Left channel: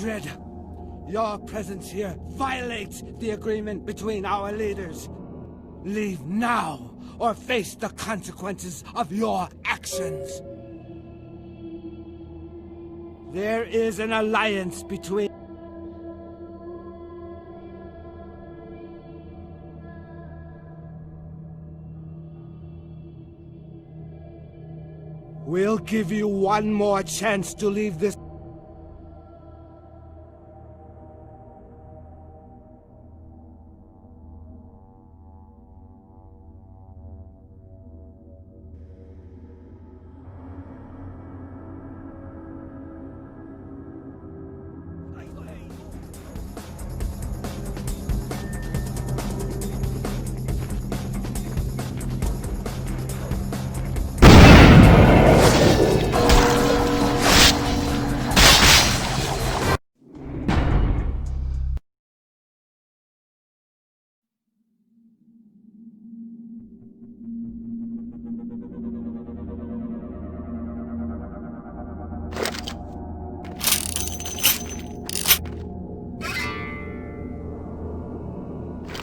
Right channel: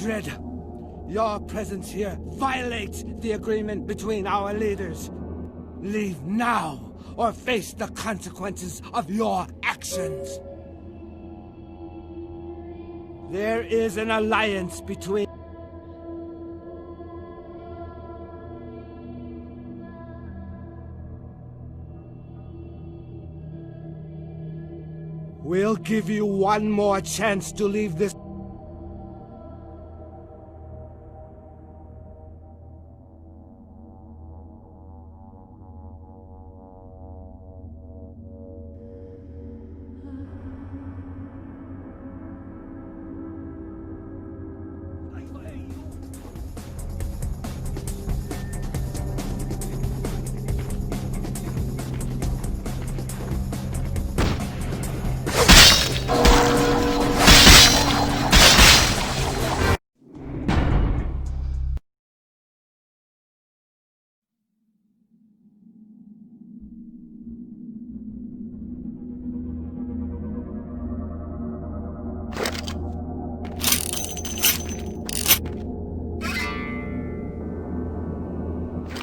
Kindred, your presence here violates the agreement between our leaders. Leave now, or face the consequences of your actions. There is an alliance between... We'll give you one more chance to leave this...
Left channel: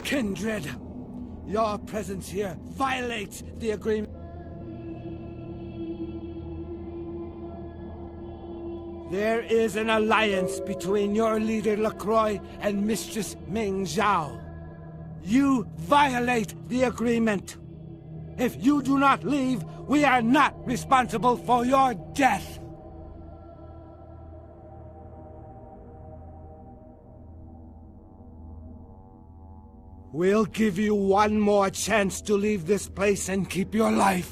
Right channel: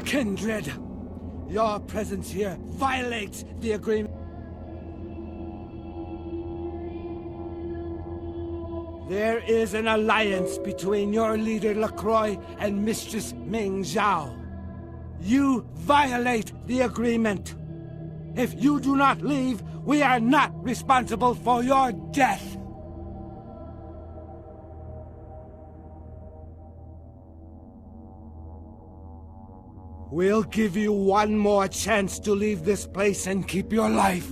Kindred, your presence here violates the agreement. There is an alliance between your leader LaCroix and Mistress Ming Zhao. You violate the agreement. If you do not leave, we are not responsible for your death. We'll give you one more chance to leave this place and keep your life.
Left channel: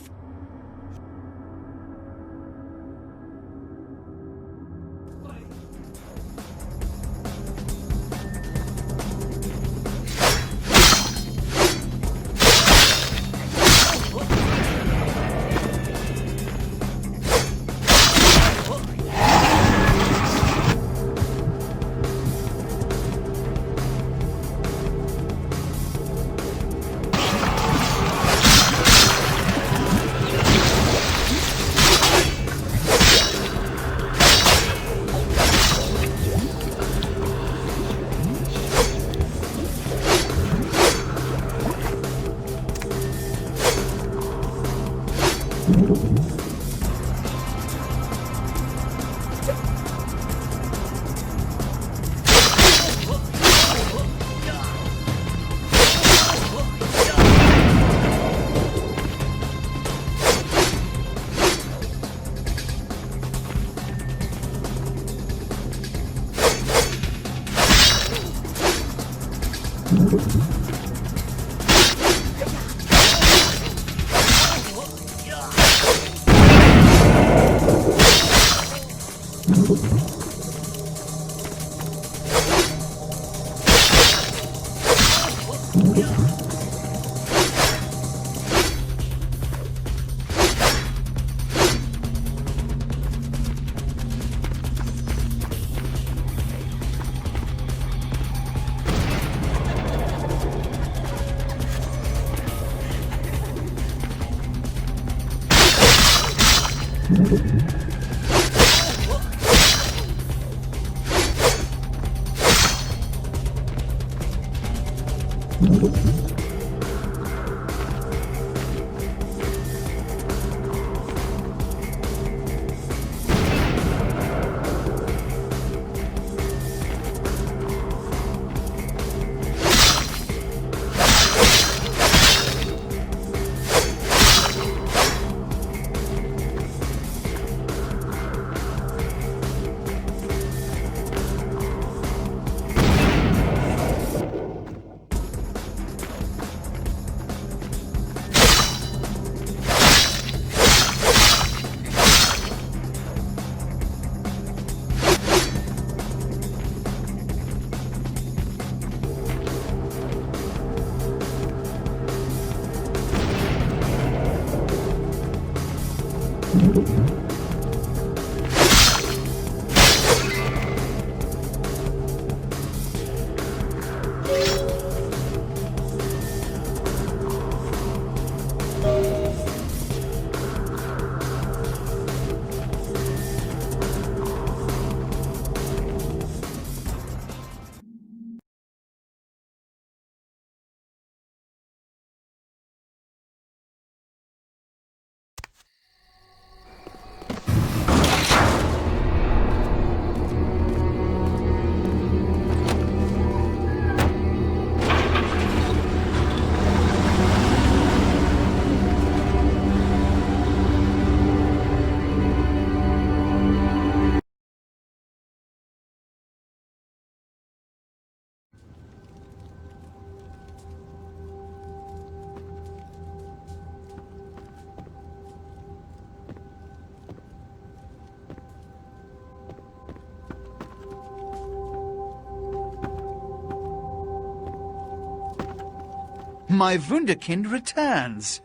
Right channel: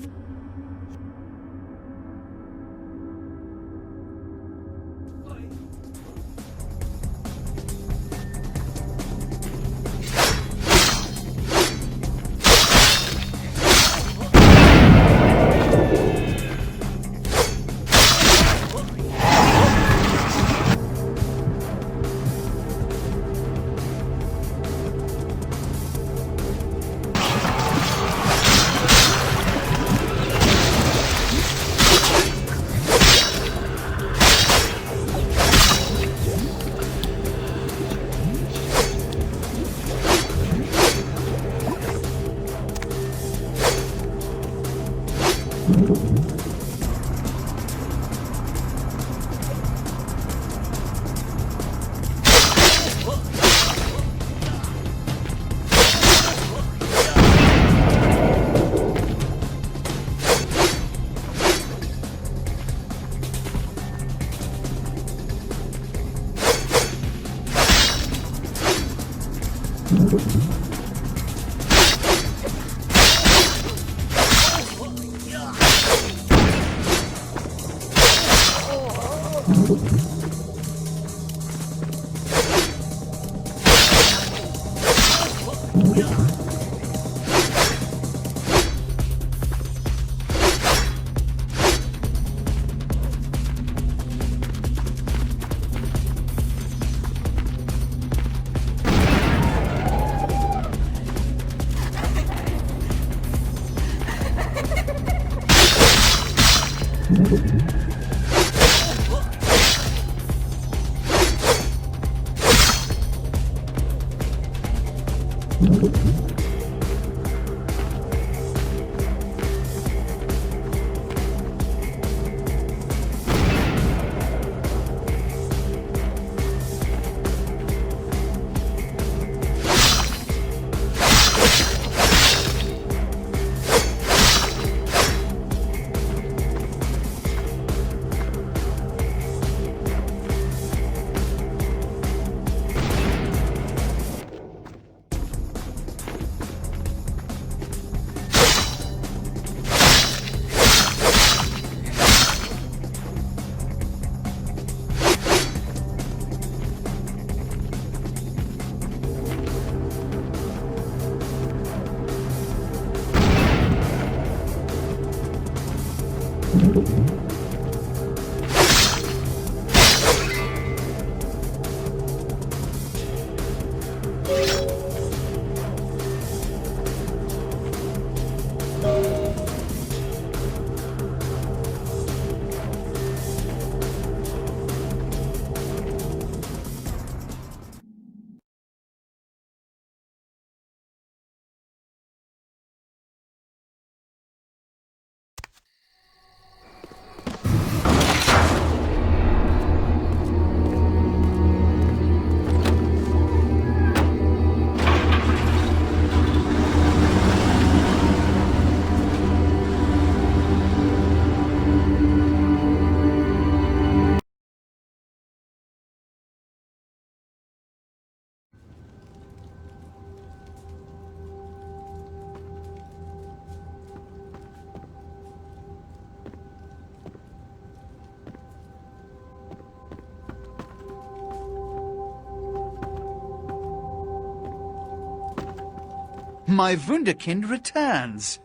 My Wunderkind returns!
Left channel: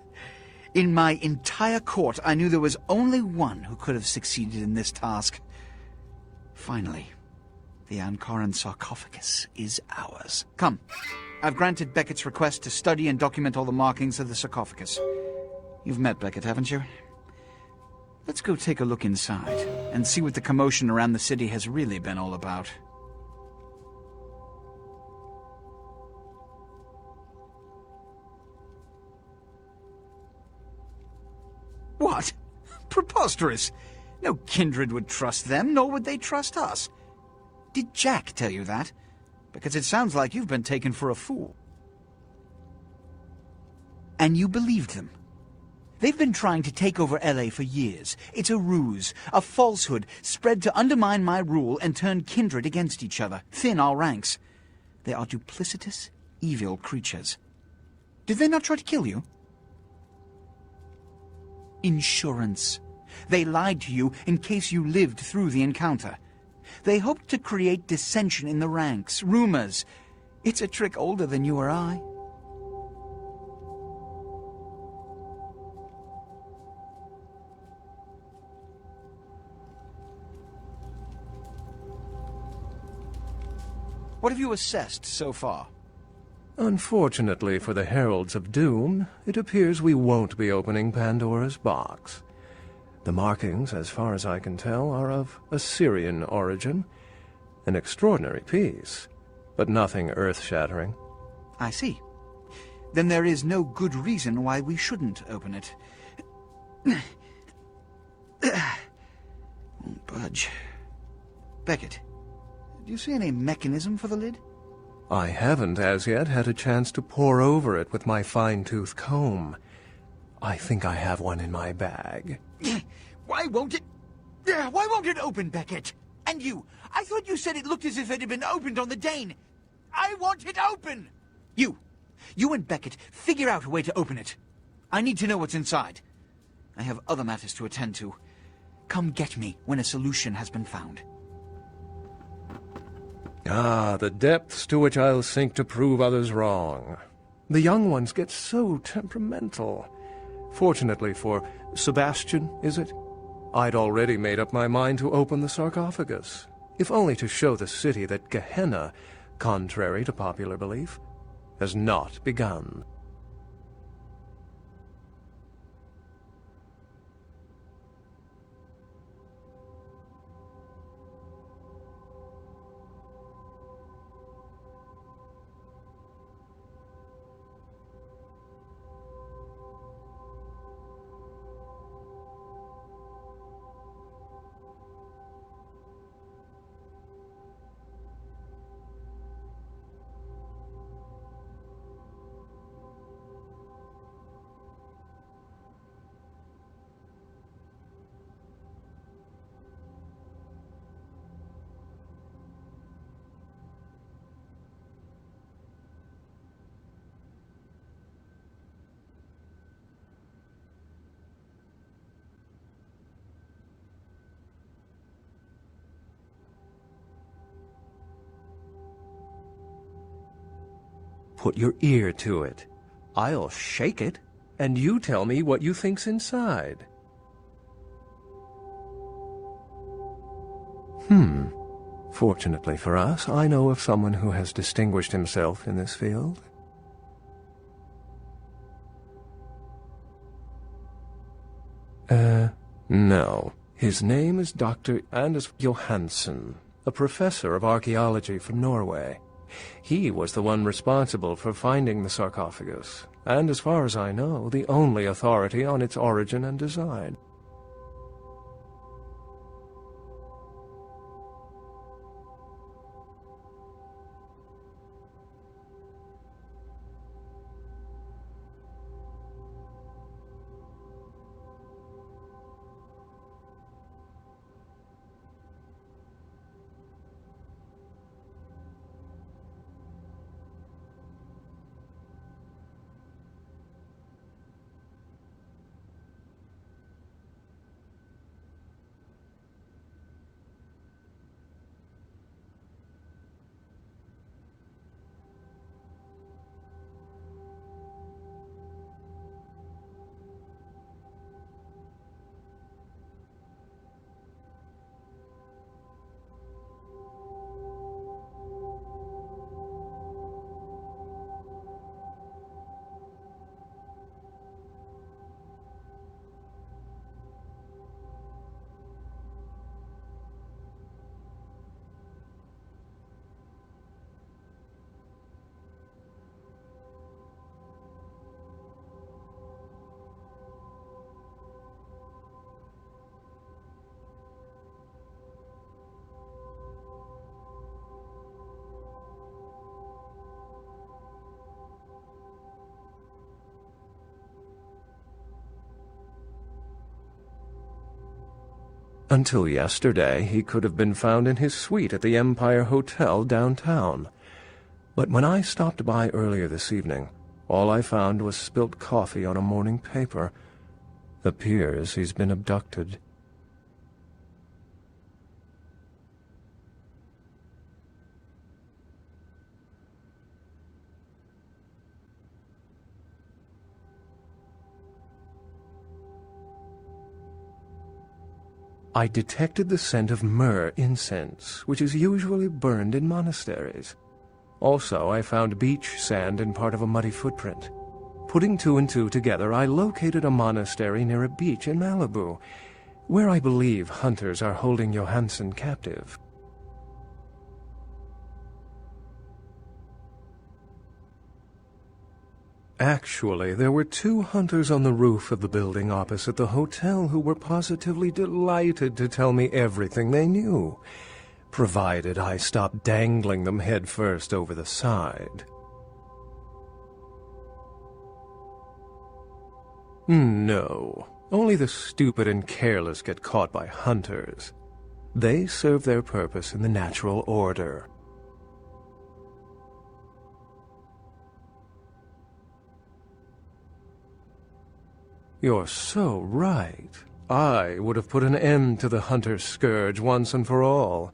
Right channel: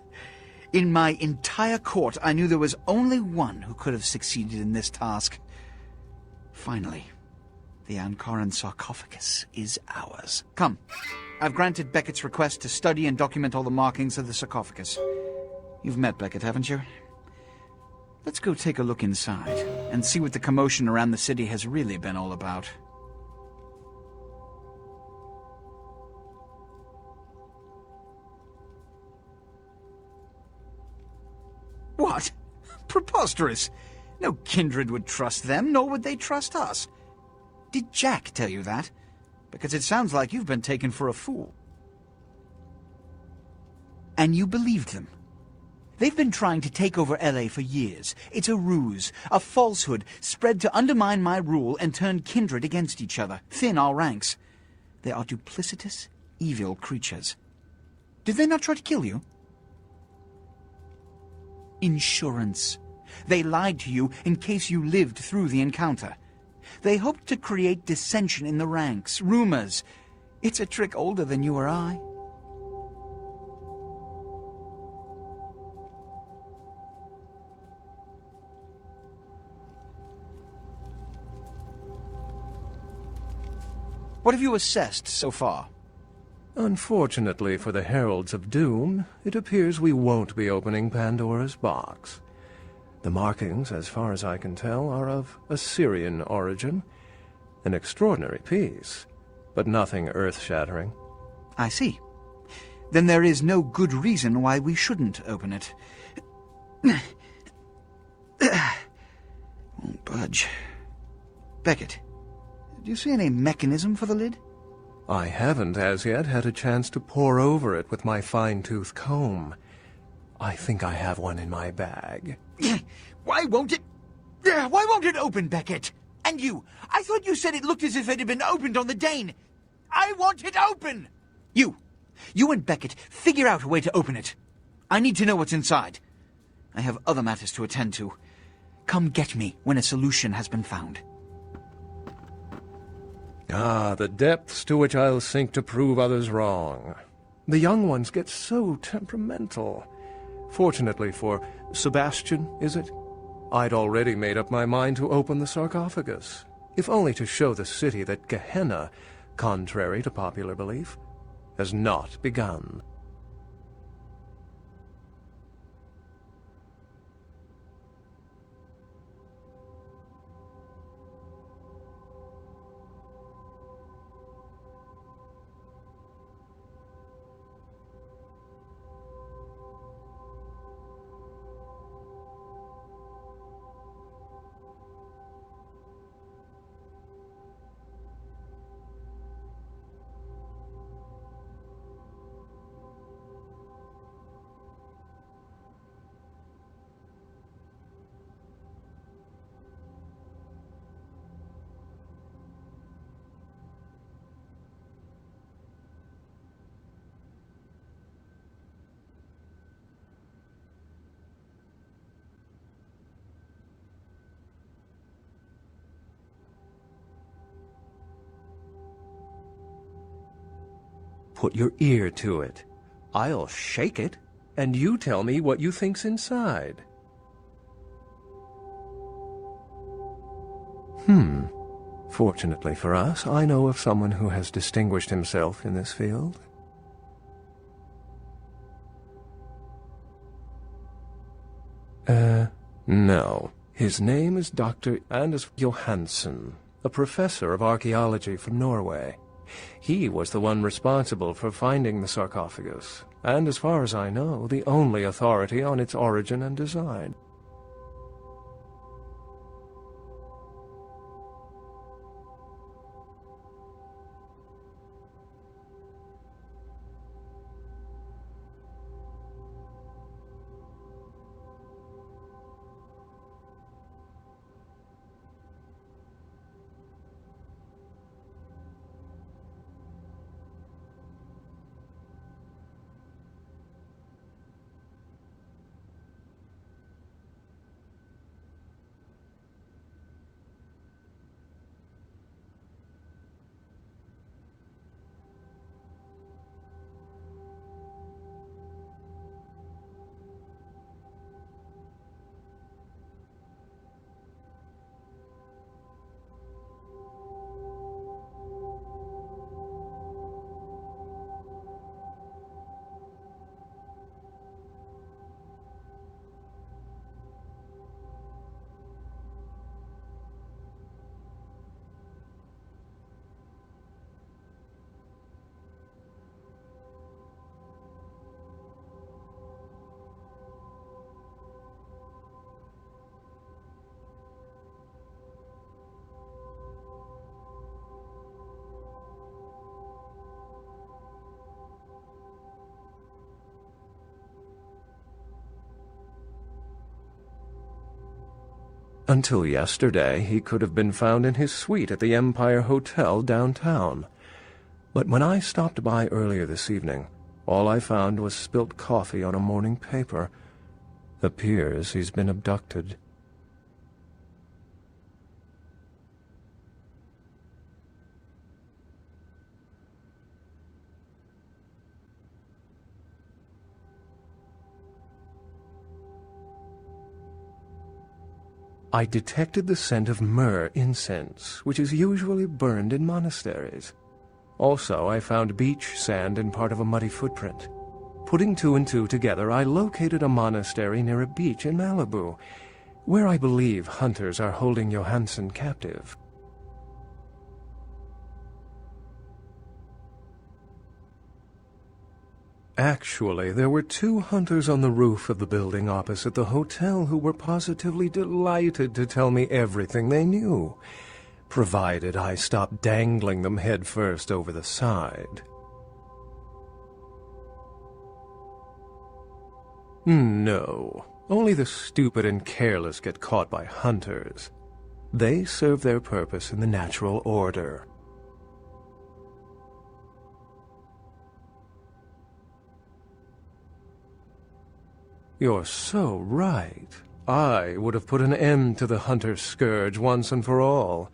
In my entire court, I knew there was only one who could have succeeded in this task. Finally, the Ankaran sarcophagus is ours. Come, I've granted Beckett's request to study and document all the markings of the sarcophagus. You've met Beckett, haven't you? Let's go take a look inside and see what the commotion around the city has really been all about. What? Preposterous! No kindred would trust them, nor would they trust us. Did Jack tell you that? Because it sounds like you've been taken for a fool. And you believed them. They've been trying to take over LA for years. It's a ruse, a falsehood, spread to undermine my rule and turn kindred against each other, thin our ranks. They are duplicitous, evil creatures. Did they not try to kill you? Insurance. They lied to you in case you lived through the encounter. They hoped to create dissension in the ranks, rumors. It's a trick older than you or I. What have you assessed so far? Unfortunately for the Heralds of Doom, it appears we won't be opening Pandora's box. The markings, as far as I can tell, are of Assyrian origin. An extraordinary piece, but nothing earth-shattering. I see. Then there is no good reason why we shouldn't open it. Won't budge. Beckett, do you see any mechanism for the lid? I haven't as yet had a chance to pore over it with my fine-tooth comb. I think I have one in my bag. Why won't it open, Beckett? And you, I thought you said it looked as if it had been opened on the Dane. I want it open! You and Beckett, figure out a way to open it. I need to know what's inside. I have other matters to attend to. Come get me when a solution has been found. Ah, the depths to which I'll sink to prove others wrong. The young ones get so temperamental. Fortunately for Sebastian, is it? I'd already made up my mind to open the sarcophagus, if only to show the city that Gehenna, contrary to popular belief, has not begun. Put your ear to it. I'll shake it, and you tell me what you think's inside. Fortunately for us, I know of someone who has distinguished himself in this field. No. His name is Dr. Anders Johansen, a professor of archaeology from Norway. He was the one responsible for finding the sarcophagus, and as far as I know, the only authority on its origin and design. Until yesterday, he could have been found in his suite at the Empire Hotel downtown. But when I stopped by earlier this evening, all I found was spilt coffee on a morning paper. Appears he's been abducted. I detected the scent of myrrh incense, which is usually burned in monasteries. Also, I found beach sand in part of a muddy footprint. Putting two and two together, I located a monastery near a beach in Malibu, where I believe hunters are holding Johansen captive. Actually, there were 2 hunters on the roof of the building opposite the hotel who were positively delighted to tell me everything they knew, provided I stopped dangling them headfirst over the side. No, only the stupid and careless get caught by hunters. They serve their purpose in the natural order. You're so right. I would have put an end to the hunter's scourge once and for all.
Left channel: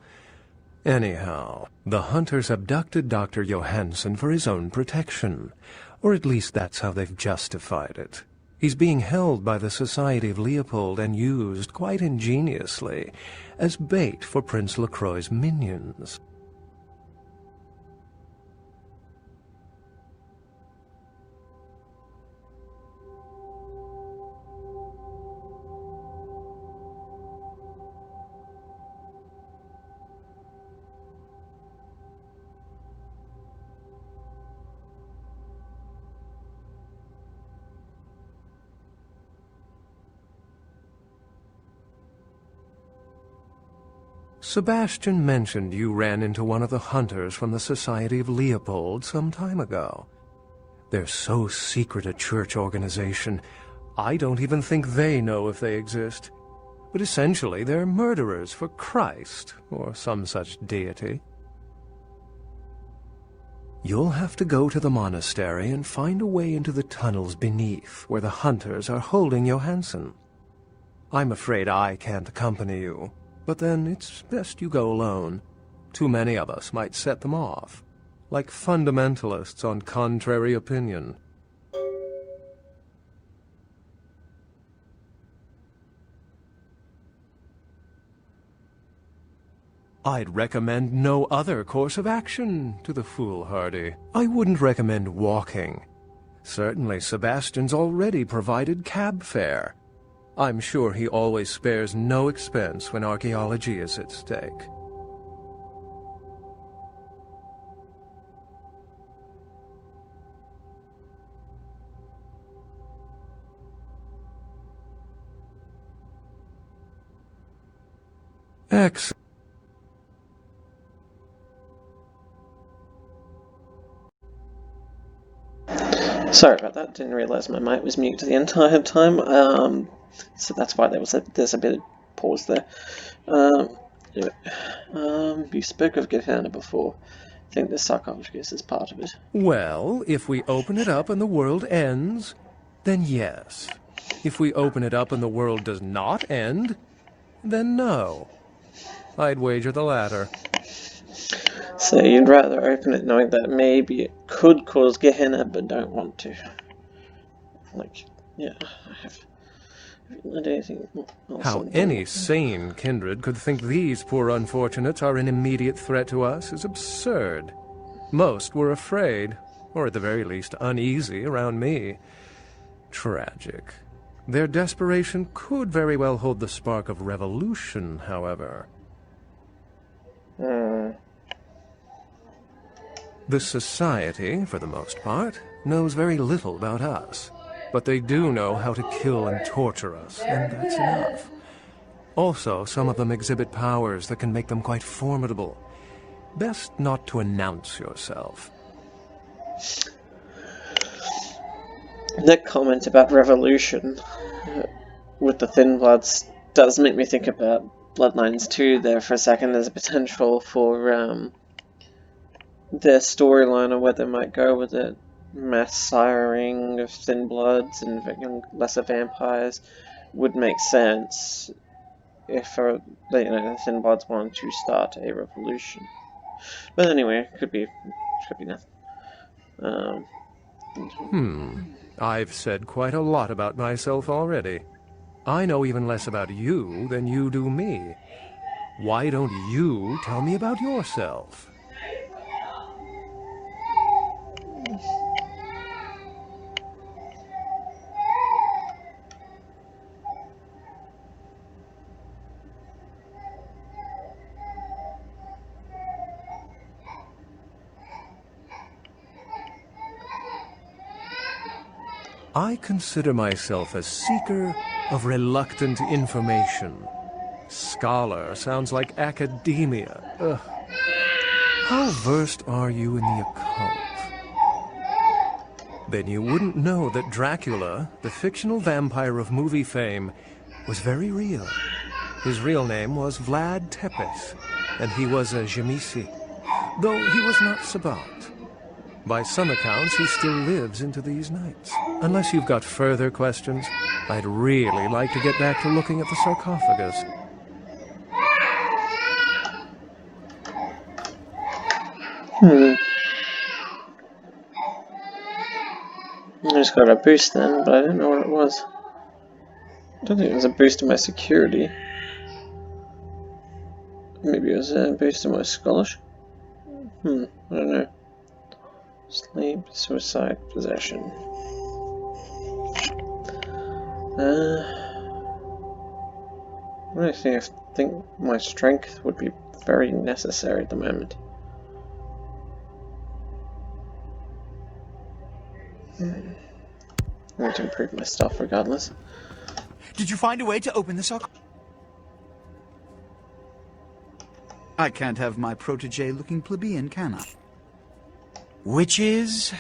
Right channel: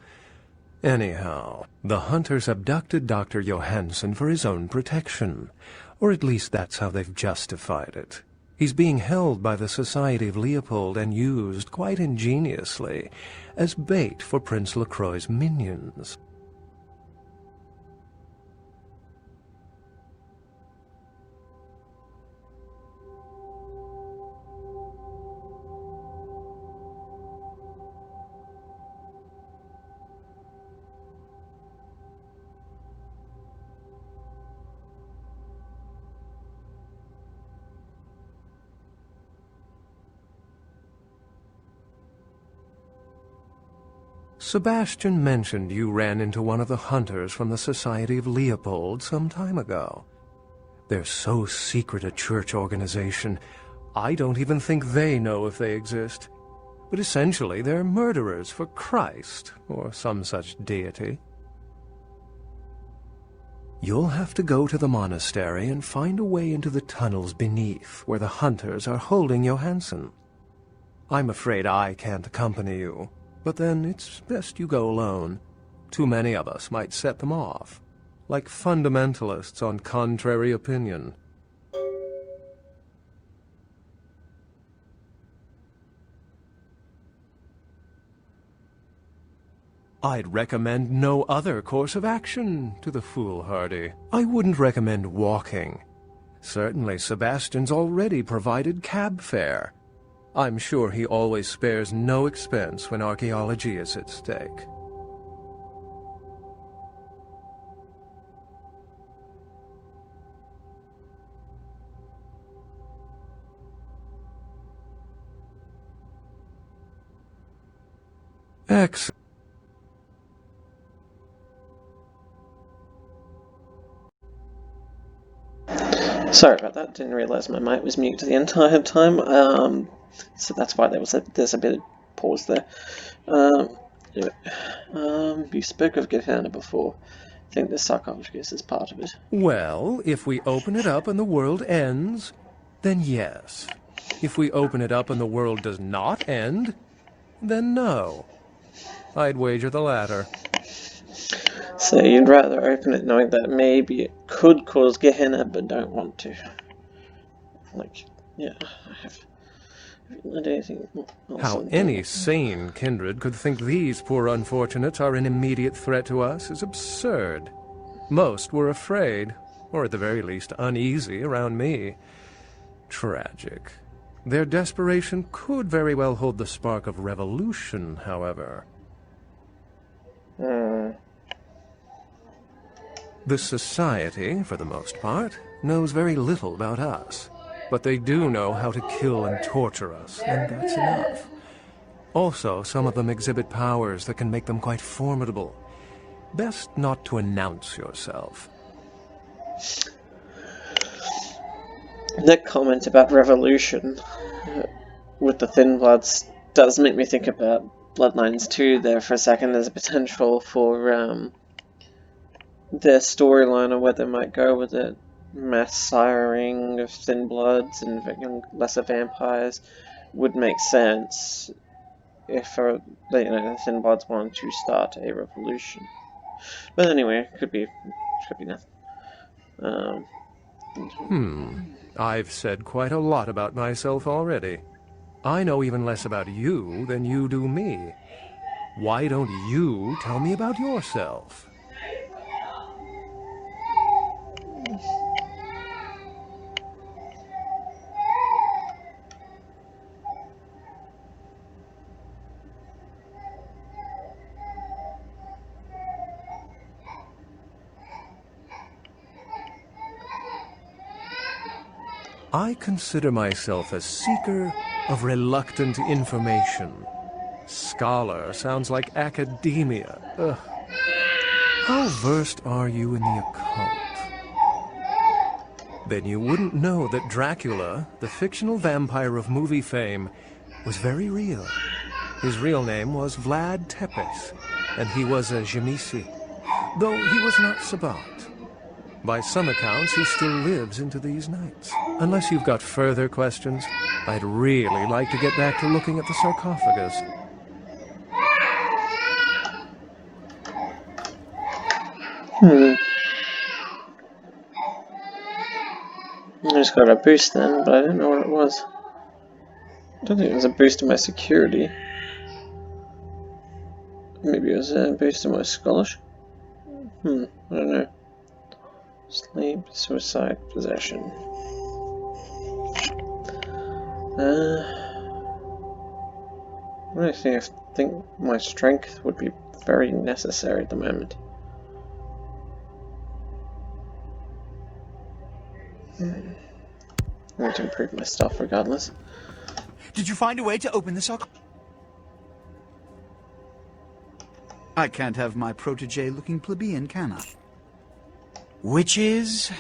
Anyhow, the hunters abducted Dr. Johansen for his own protection, or at least that's how they've justified it. He's being held by the Society of Leopold and used, quite ingeniously, as bait for Prince LaCroix's minions. Sebastian mentioned you ran into one of the hunters from the Society of Leopold some time ago. They're so secret a church organization, I don't even think they know if they exist. But essentially, they're murderers for Christ, or some such deity. You'll have to go to the monastery and find a way into the tunnels beneath, where the hunters are holding Johansen. I'm afraid I can't accompany you. But then it's best you go alone. Too many of us might set them off, like fundamentalists on contrary opinion. I'd recommend no other course of action to the foolhardy. I wouldn't recommend walking. Certainly Sebastian's already provided cab fare. I'm sure he always spares no expense when archaeology is at stake. Excellent. Sorry about that, didn't realise my mic was mute the entire time, so that's why there's a bit of pause there. You spoke of Gehenna before. I think the sarcophagus is part of it. Well, if we open it up and the world ends, then yes. If we open it up and the world does not end, then no. I'd wager the latter. So you'd rather open it knowing that maybe it could cause Gehenna, but don't want to. Like, yeah, I haven't learned anything else. How any sane kindred could think these poor unfortunates are an immediate threat to us is absurd. Most were afraid, or at the very least uneasy around me. Tragic. Their desperation could very well hold the spark of revolution, however. The Society, for the most part, knows very little about us, but they do know how to kill and torture us, and that's enough. Also, some of them exhibit powers that can make them quite formidable. Best not to announce yourself. That comment about revolution with the Thin Bloods does make me think about Bloodlines 2 there for a second. There's a potential for their storyline or where they might go with it. Mass siring of thin bloods and lesser vampires would make sense if the thin bloods wanted to start a revolution. But anyway, could be nothing. I've said quite a lot about myself already. I know even less about you than you do me. Why don't you tell me about yourself? I consider myself a seeker of reluctant information. Scholar sounds like academia. Ugh. How versed are you in the occult? Then you wouldn't know that Dracula, the fictional vampire of movie fame, was very real. His real name was Vlad Tepes, and he was a Genesi, though he was not Sabat. By some accounts, he still lives into these nights. Unless you've got further questions, I'd really like to get back to looking at the sarcophagus. I just got a boost then, but I didn't know what it was. I don't think it was a boost to my security. Maybe it was a boost to my scholarship? I don't know. Sleep, suicide, possession. I think my strength would be very necessary at the moment. I'm going to improve my stuff regardless. Did you find a way to open the sock? I can't have my protege looking plebeian, can I? Witches.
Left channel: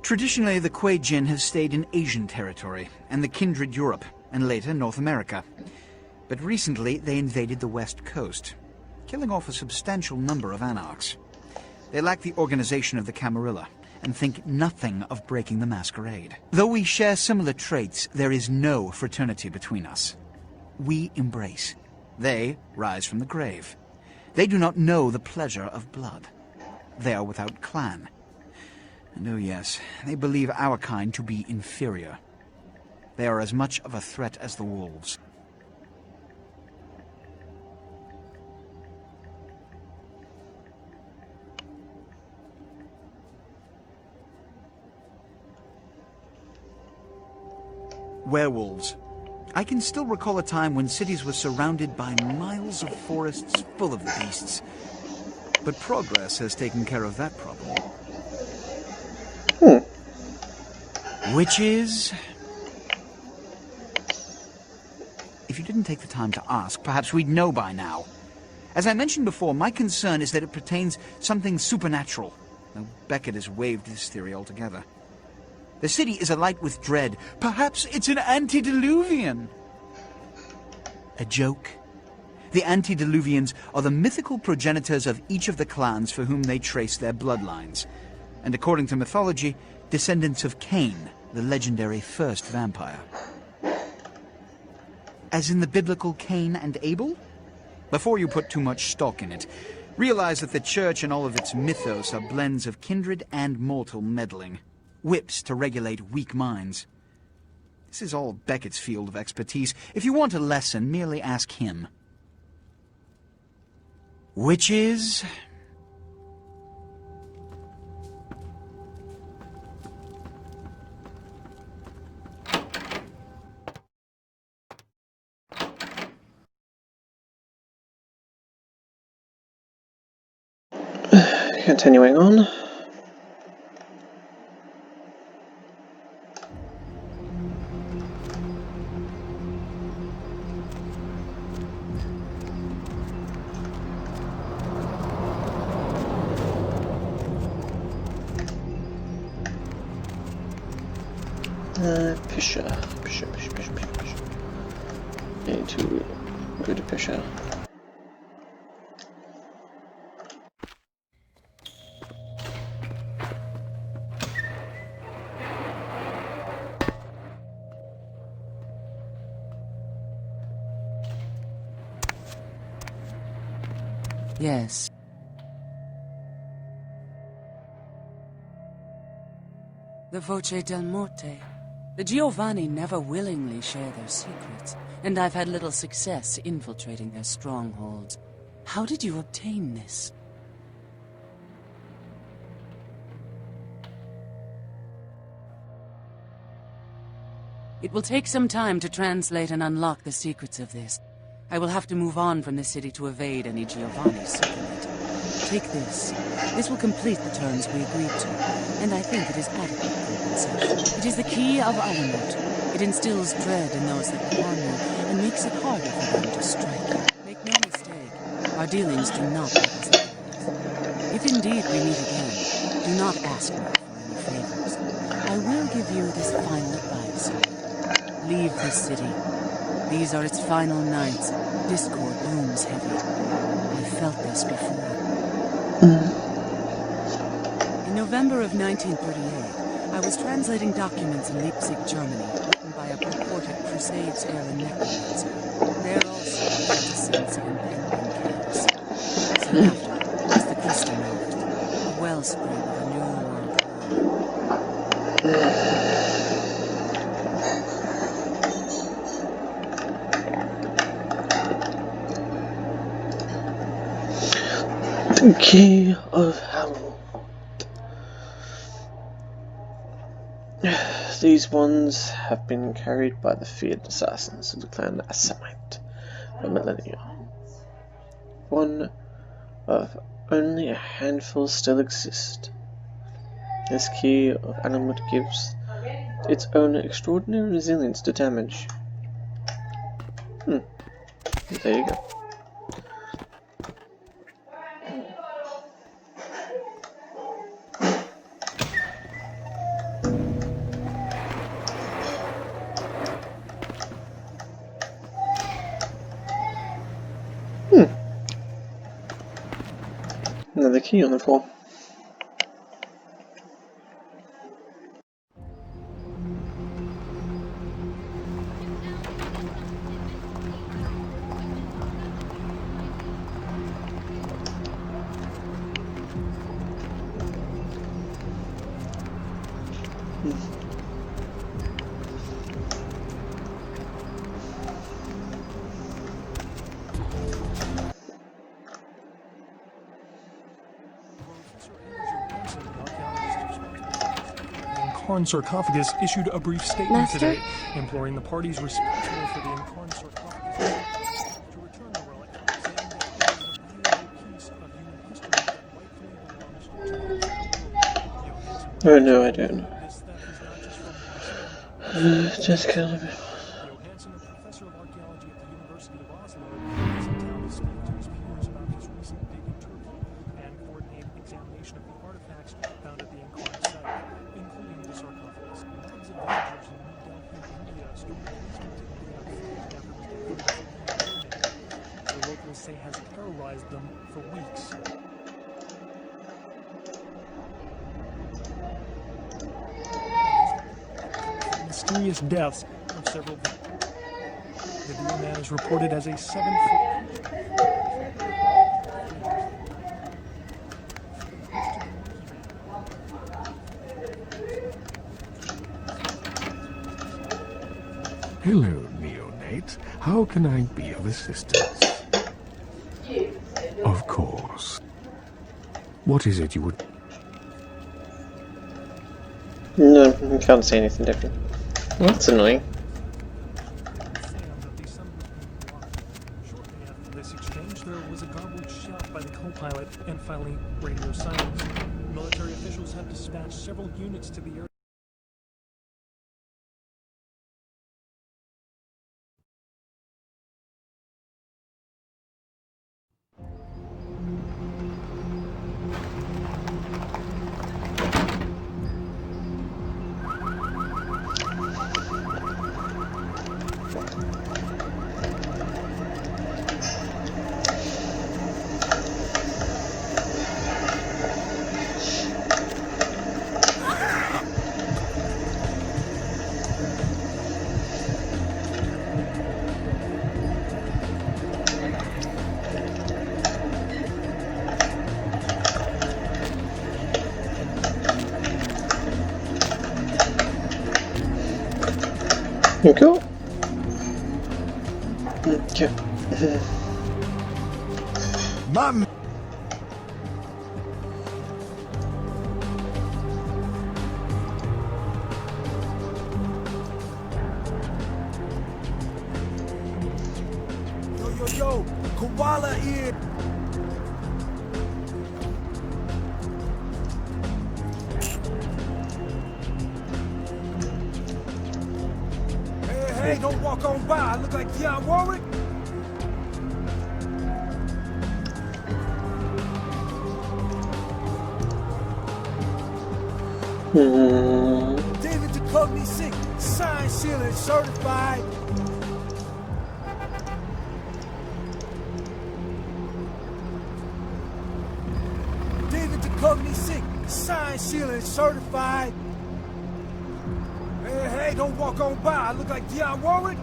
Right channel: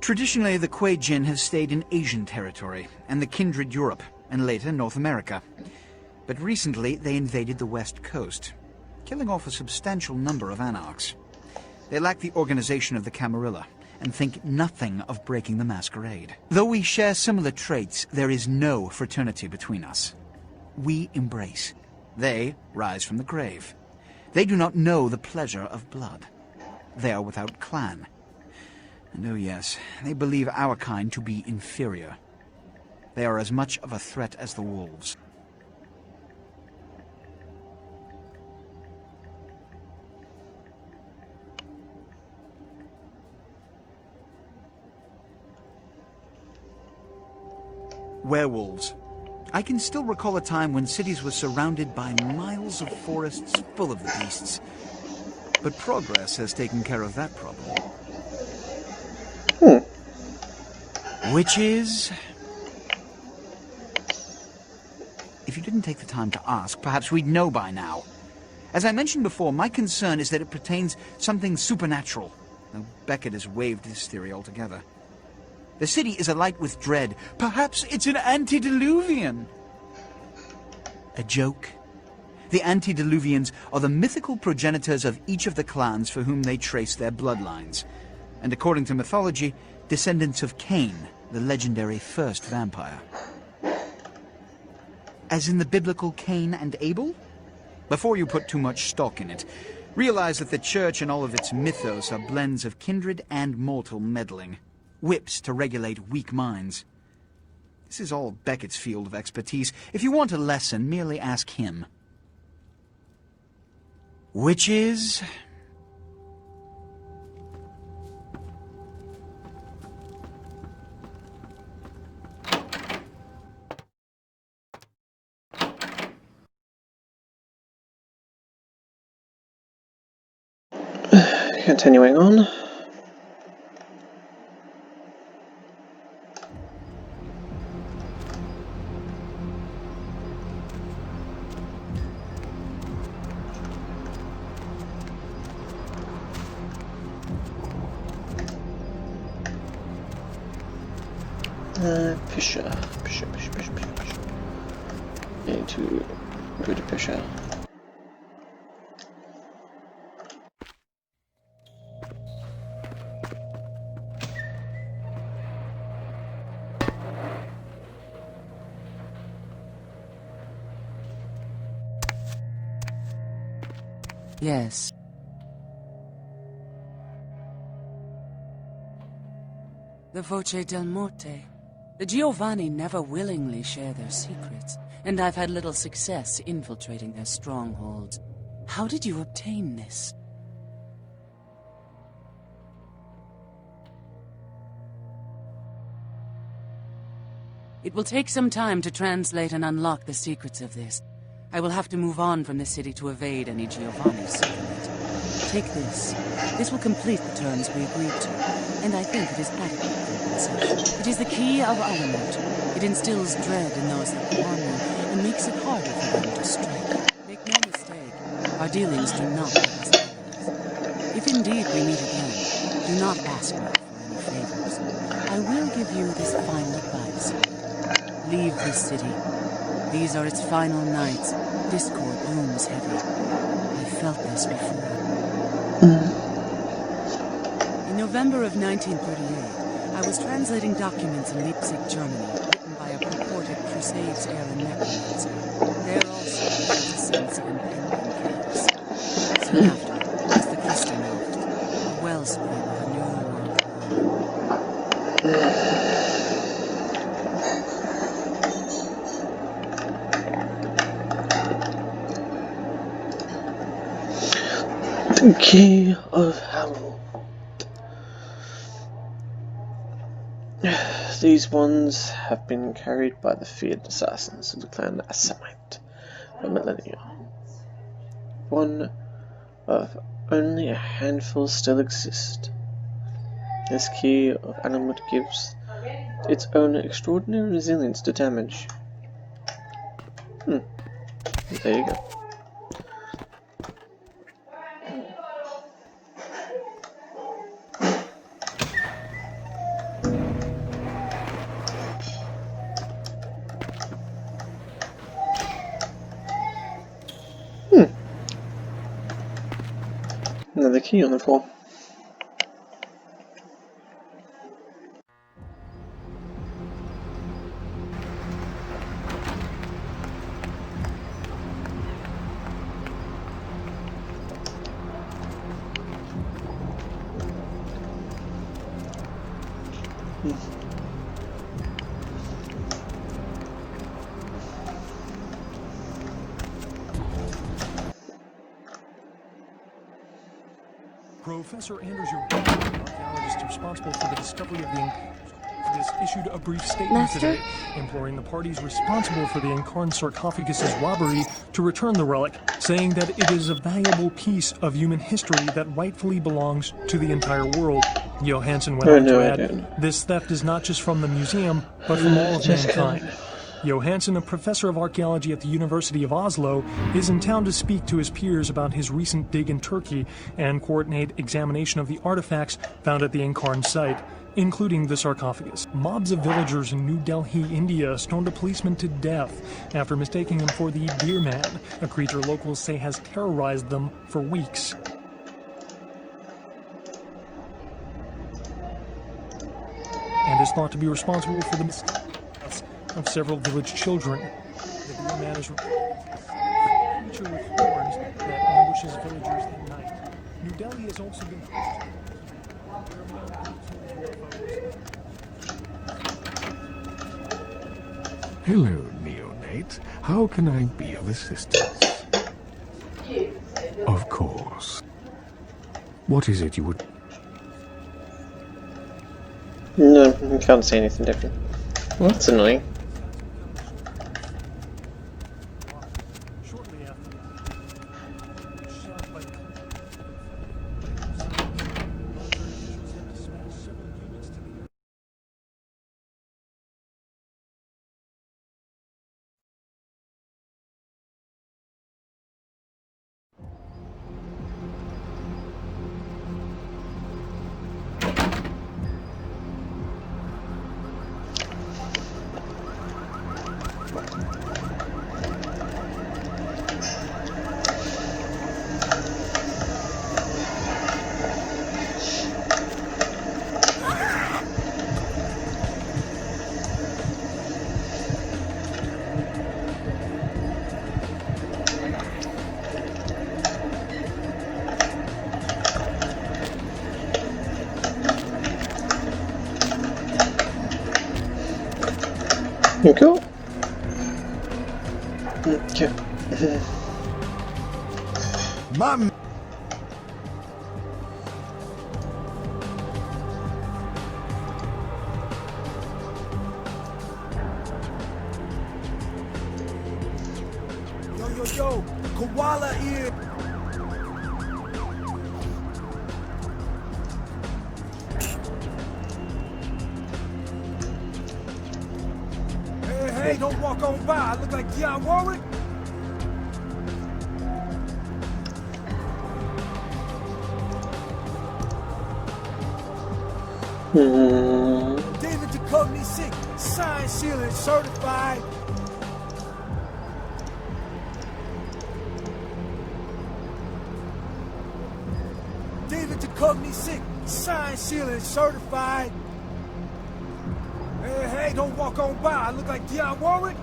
Traditionally, the Kuei Jin has stayed in Asian territory, and the kindred Europe, and later North America. But recently, they invaded the West Coast, killing off a substantial number of anarchs. They lack the organization of the Camarilla, and think nothing of breaking the Masquerade. Though we share similar traits, there is no fraternity between us. We embrace. They rise from the grave. They do not know the pleasure of blood. They are without clan. And oh yes, they believe our kind to be inferior. They are as much of a threat as the wolves. Werewolves. I can still recall a time when cities were surrounded by miles of forests full of beasts. But progress has taken care of that problem. Witches? If you didn't take the time to ask, perhaps we'd know by now. As I mentioned before, my concern is that it pertains something supernatural. Though Beckett has waived this theory altogether. The city is alight with dread. Perhaps it's an antediluvian. A joke? The antediluvians are the mythical progenitors of each of the clans for whom they trace their bloodlines. And according to mythology, descendants of Cain, the legendary first vampire. As in the biblical Cain and Abel? Before you put too much stock in it, realize that the church and all of its mythos are blends of kindred and mortal meddling. Whips to regulate weak minds. This is all Beckett's field of expertise. If you want a lesson, merely ask him. Witches? Continuing on. Pisha. need to go to Pesha. Yes. The Voce del Morte. The Giovanni never willingly share their secrets, and I've had little success infiltrating their strongholds. How did you obtain this? It will take some time to translate and unlock the secrets of this. I will have to move on from the city to evade any Giovanni's secret. Take this. This will complete the terms we agreed to, and I think it is adequate compensation. It is the key of Ironwood. It instills dread in those that handle, and makes it harder for them to stray. Make no mistake, our dealings do not cost. If indeed we meet again, do not ask me for any favors. I will give you this final advice. Leave this city. These are its final nights. Discord looms heavy. I felt this before. In November of 1938, I was translating documents in Leipzig, Germany, written by a purported Crusade-stricken necromancer. There also was a sense of impending chaos. Soon after, was the beast emerged, a wellspring of your Key of Hamel. These ones have been carried by the feared assassins of the clan Assamite for millennia. One of only a handful still exist. This key of Alamut gives its own extraordinary resilience to damage. There you go. Another key on the floor. Professor Anders Giovanni, responsible for the discovery of the Incarn sarcophagus, issued a brief statement today, imploring the parties responsible for the Incarn sarcophagus's robbery to return the relic, saying that it is a valuable piece of human history that rightfully belongs to the entire world. Johansson went on to add, this theft is not just from the museum, but from all of mankind. Johansson, a professor of archaeology at the University of Oslo, is in town to speak to his peers about his recent dig in Turkey and coordinate examination of the artifacts found at the Incarn site, including the sarcophagus. Mobs of villagers in New Delhi, India, stoned a policeman to death after mistaking him for the Deer Man, a creature locals say has terrorized them for weeks. And is thought to be responsible for the mysterious deaths of several village children. The Deer Man is reported as a 7-foot creature with horns that ambushes villagers at night. New Delhi is also the Hello, neonate. How can I be of assistance? Of course. What is it you would... No, I can't say anything different. Well, that's annoying. Shortly after this exchange, there was a garbled shout by the co-pilot and finally radio silence. Military officials have dispatched several units to the area. Cool. Okay. Mom. Yo, koala ear. Hey, don't walk on by. I look like Giovanni. David Jacoby sick, signed, sealed, and certified. David Jacoby sick, signed, sealed, and certified. Hey, don't walk on by. I look like Giovanni.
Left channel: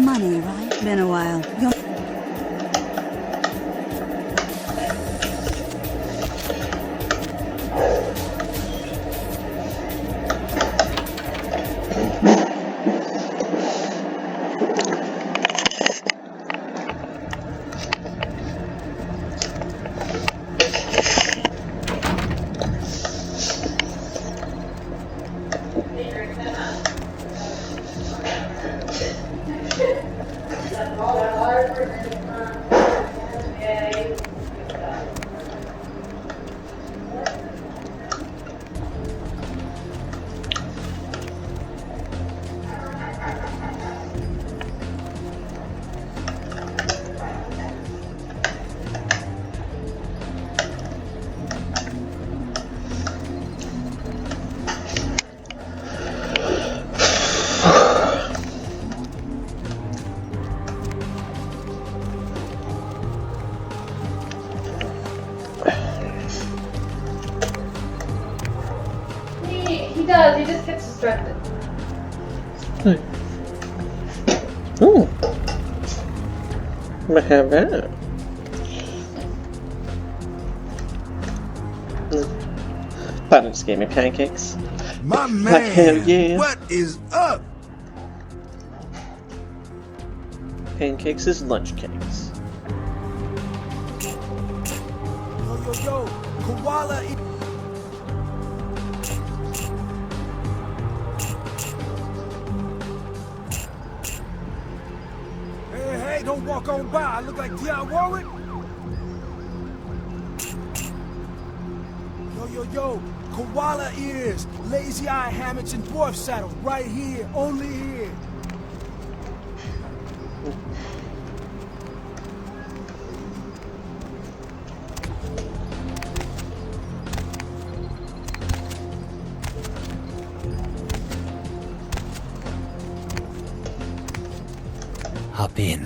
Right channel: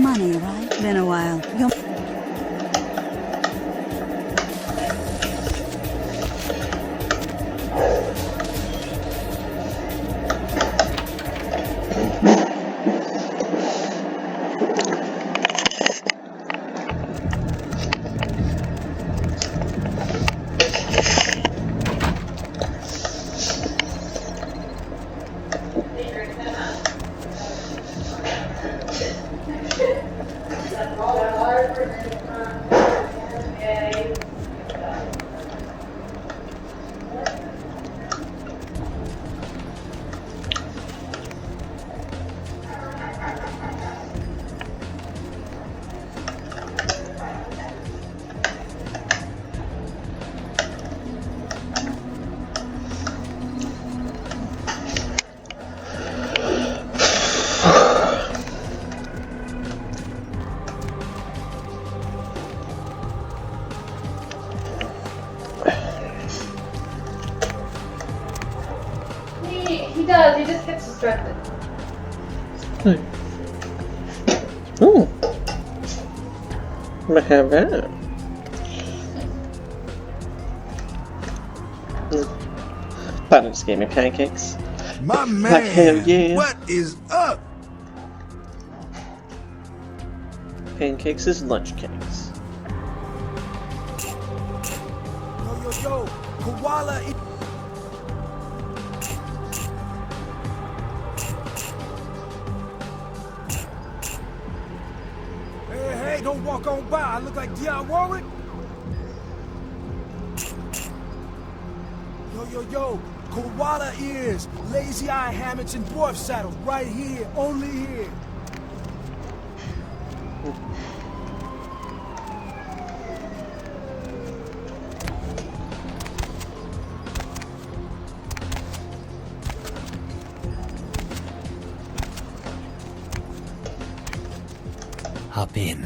Money, right? Been a while. He does, he just gets distracted. Ooh. Might have that. But just gave me pancakes. My man, Like hell yeah. what is up? Pancakes is lunch cakes. Yo, koala ear. Hey, don't walk on by. I look like Giovanni. Yo, koala ears, lazy eye hammocks, and dwarf saddles right here, only here. Hop in.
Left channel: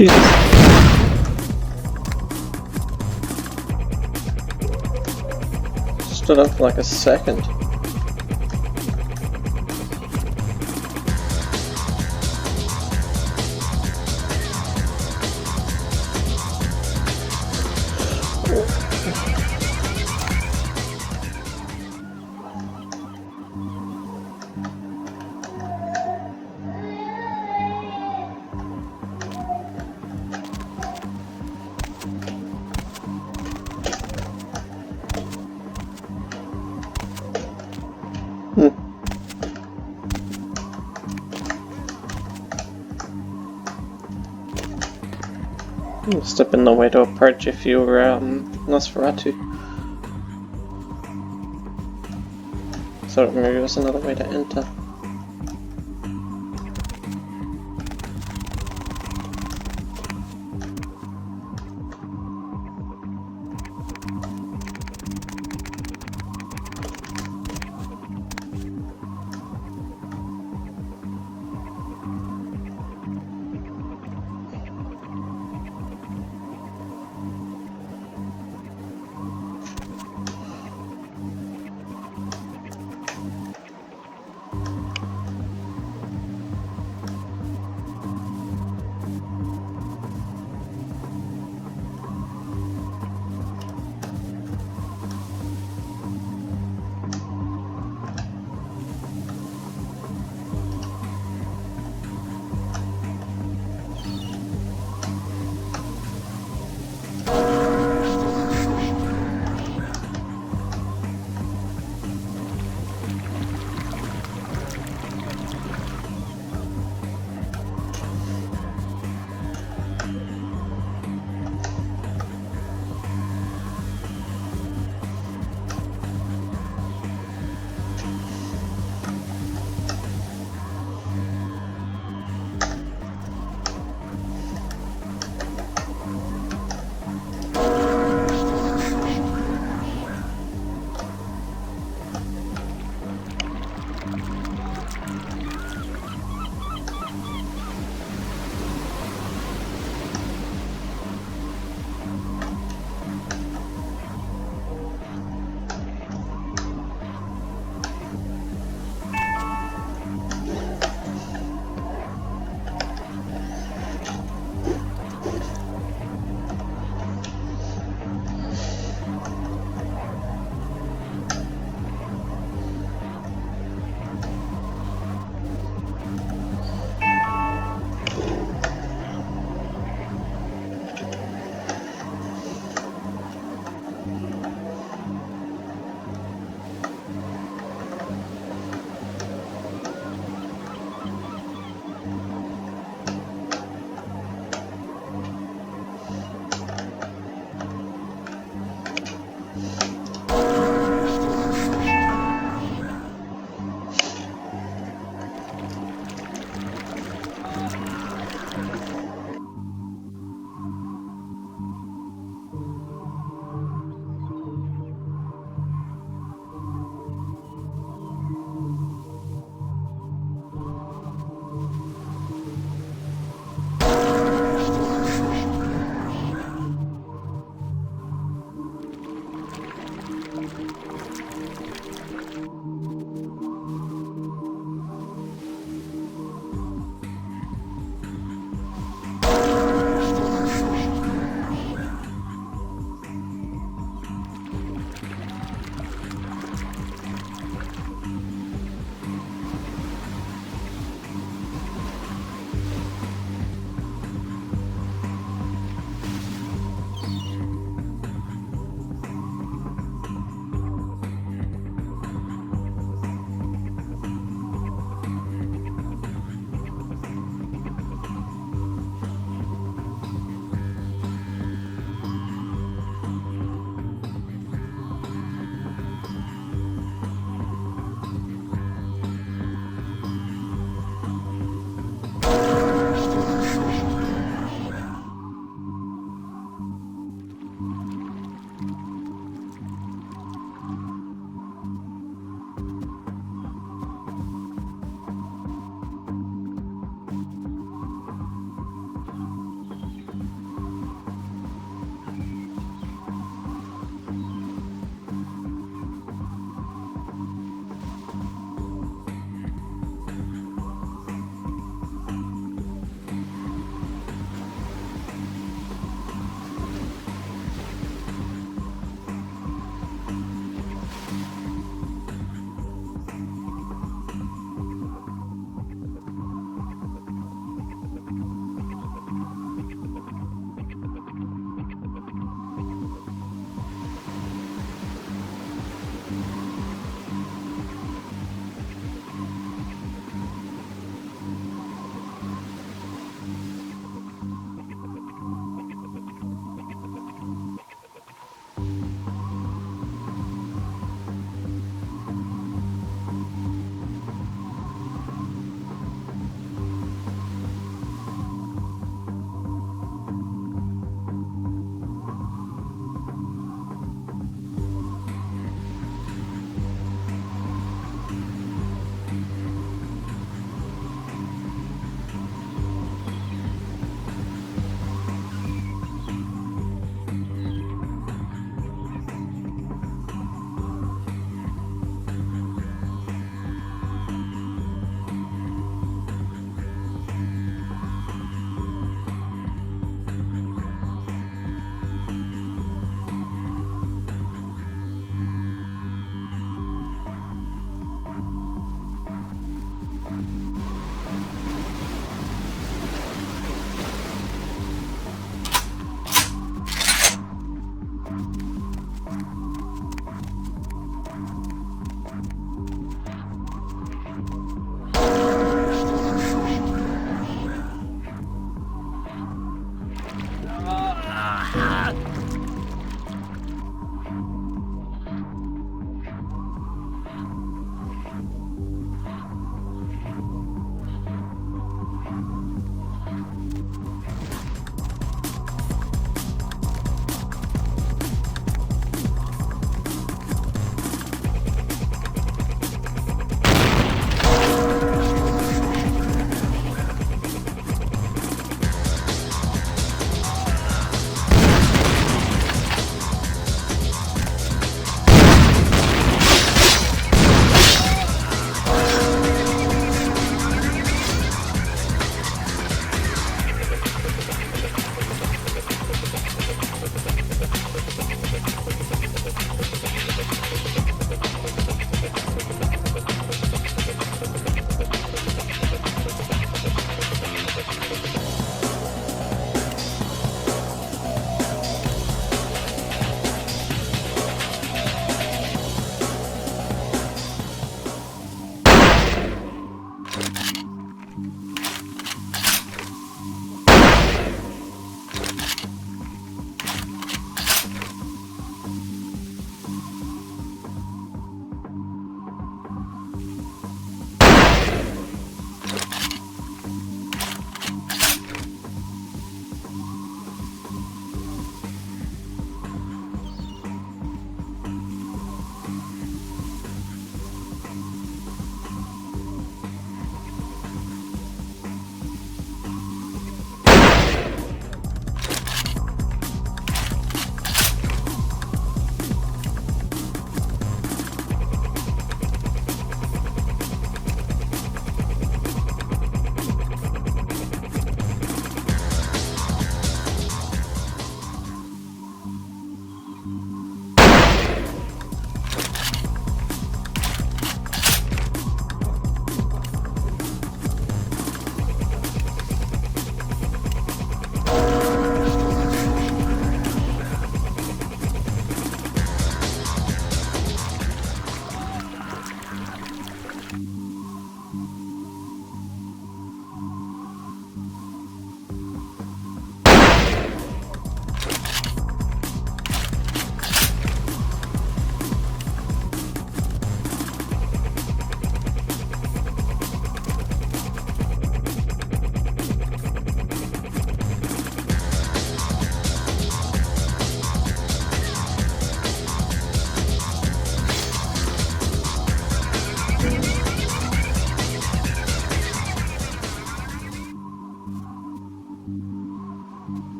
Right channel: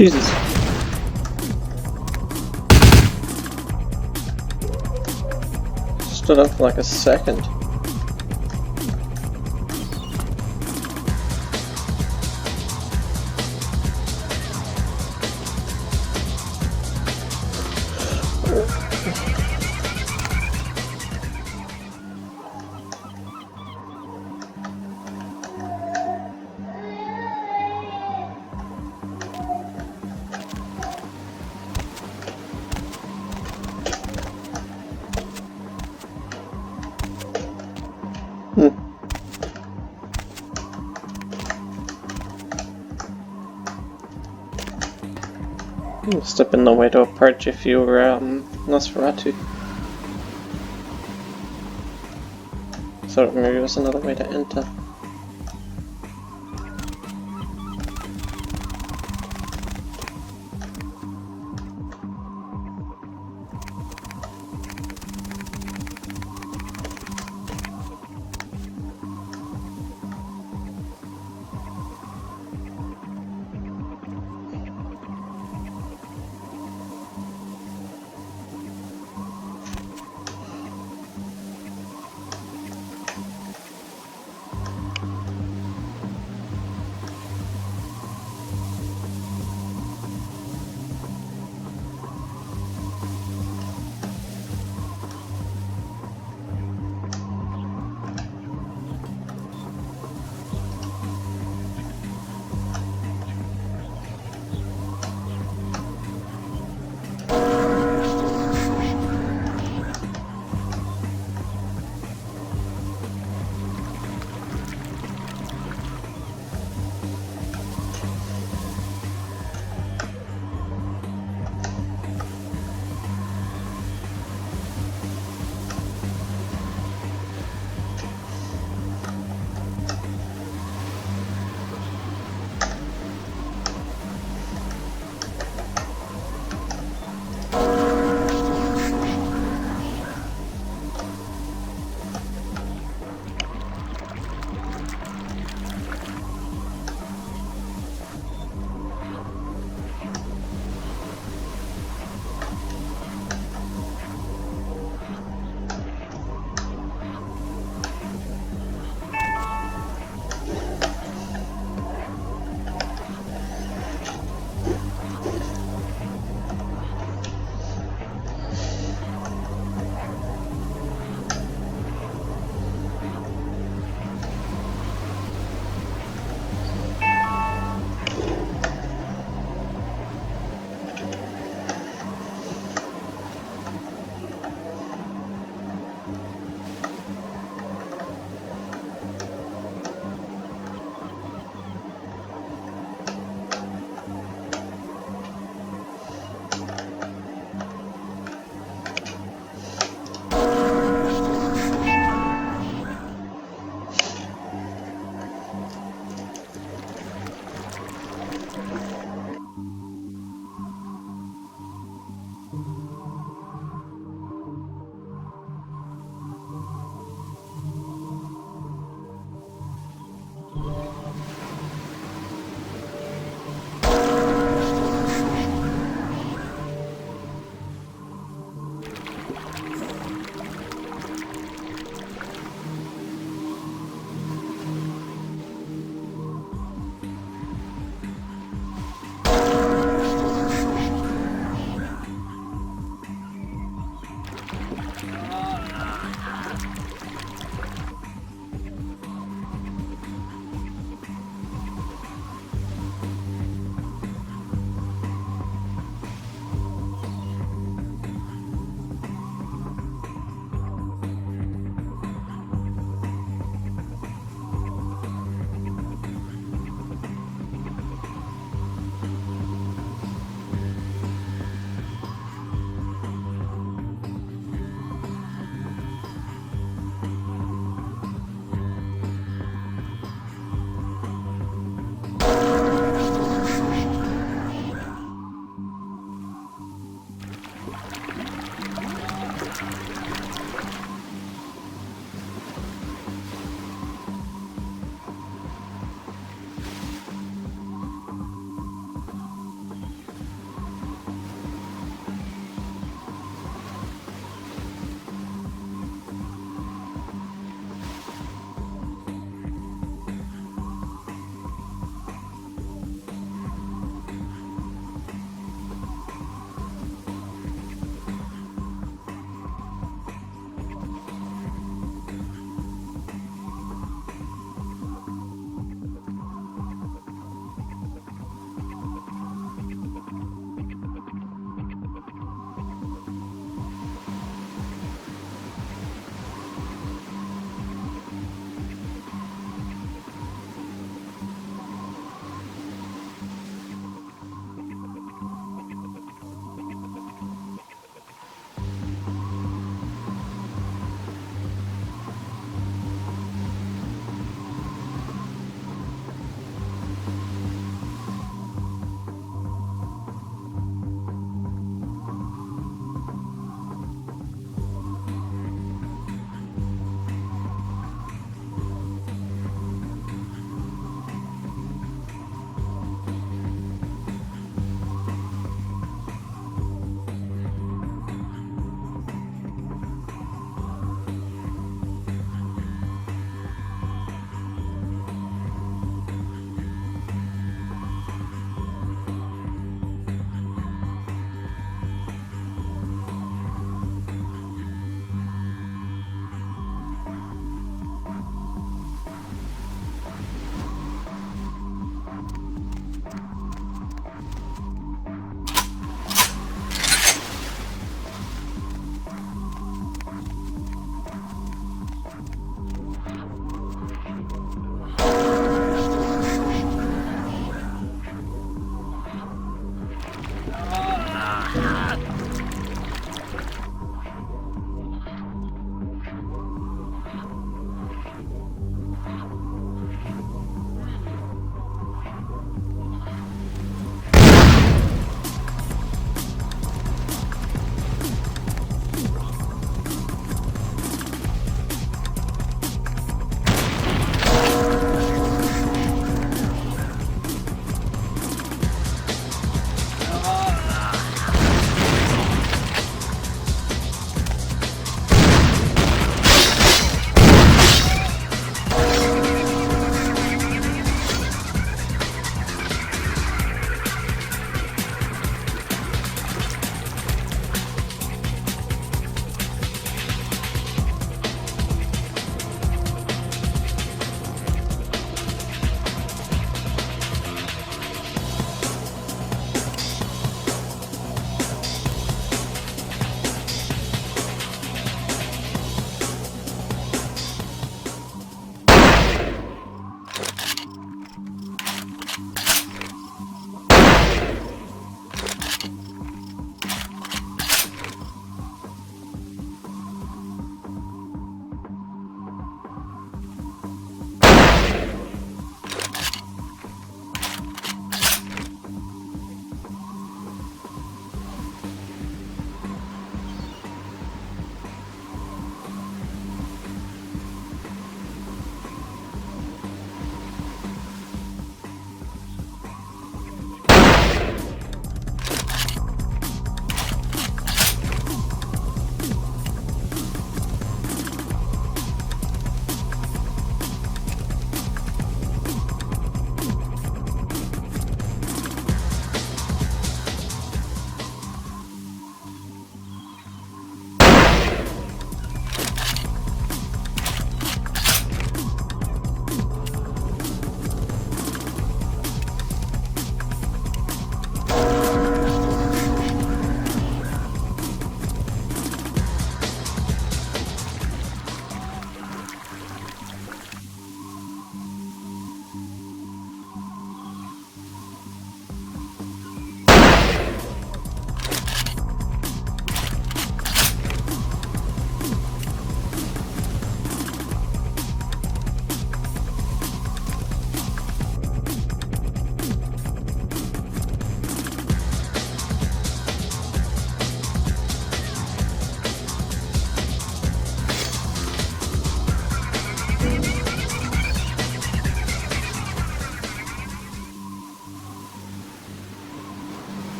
Jesus. Stood up for like a second. Must have been no way to approach if you were Nosferatu. So maybe it was another way to enter.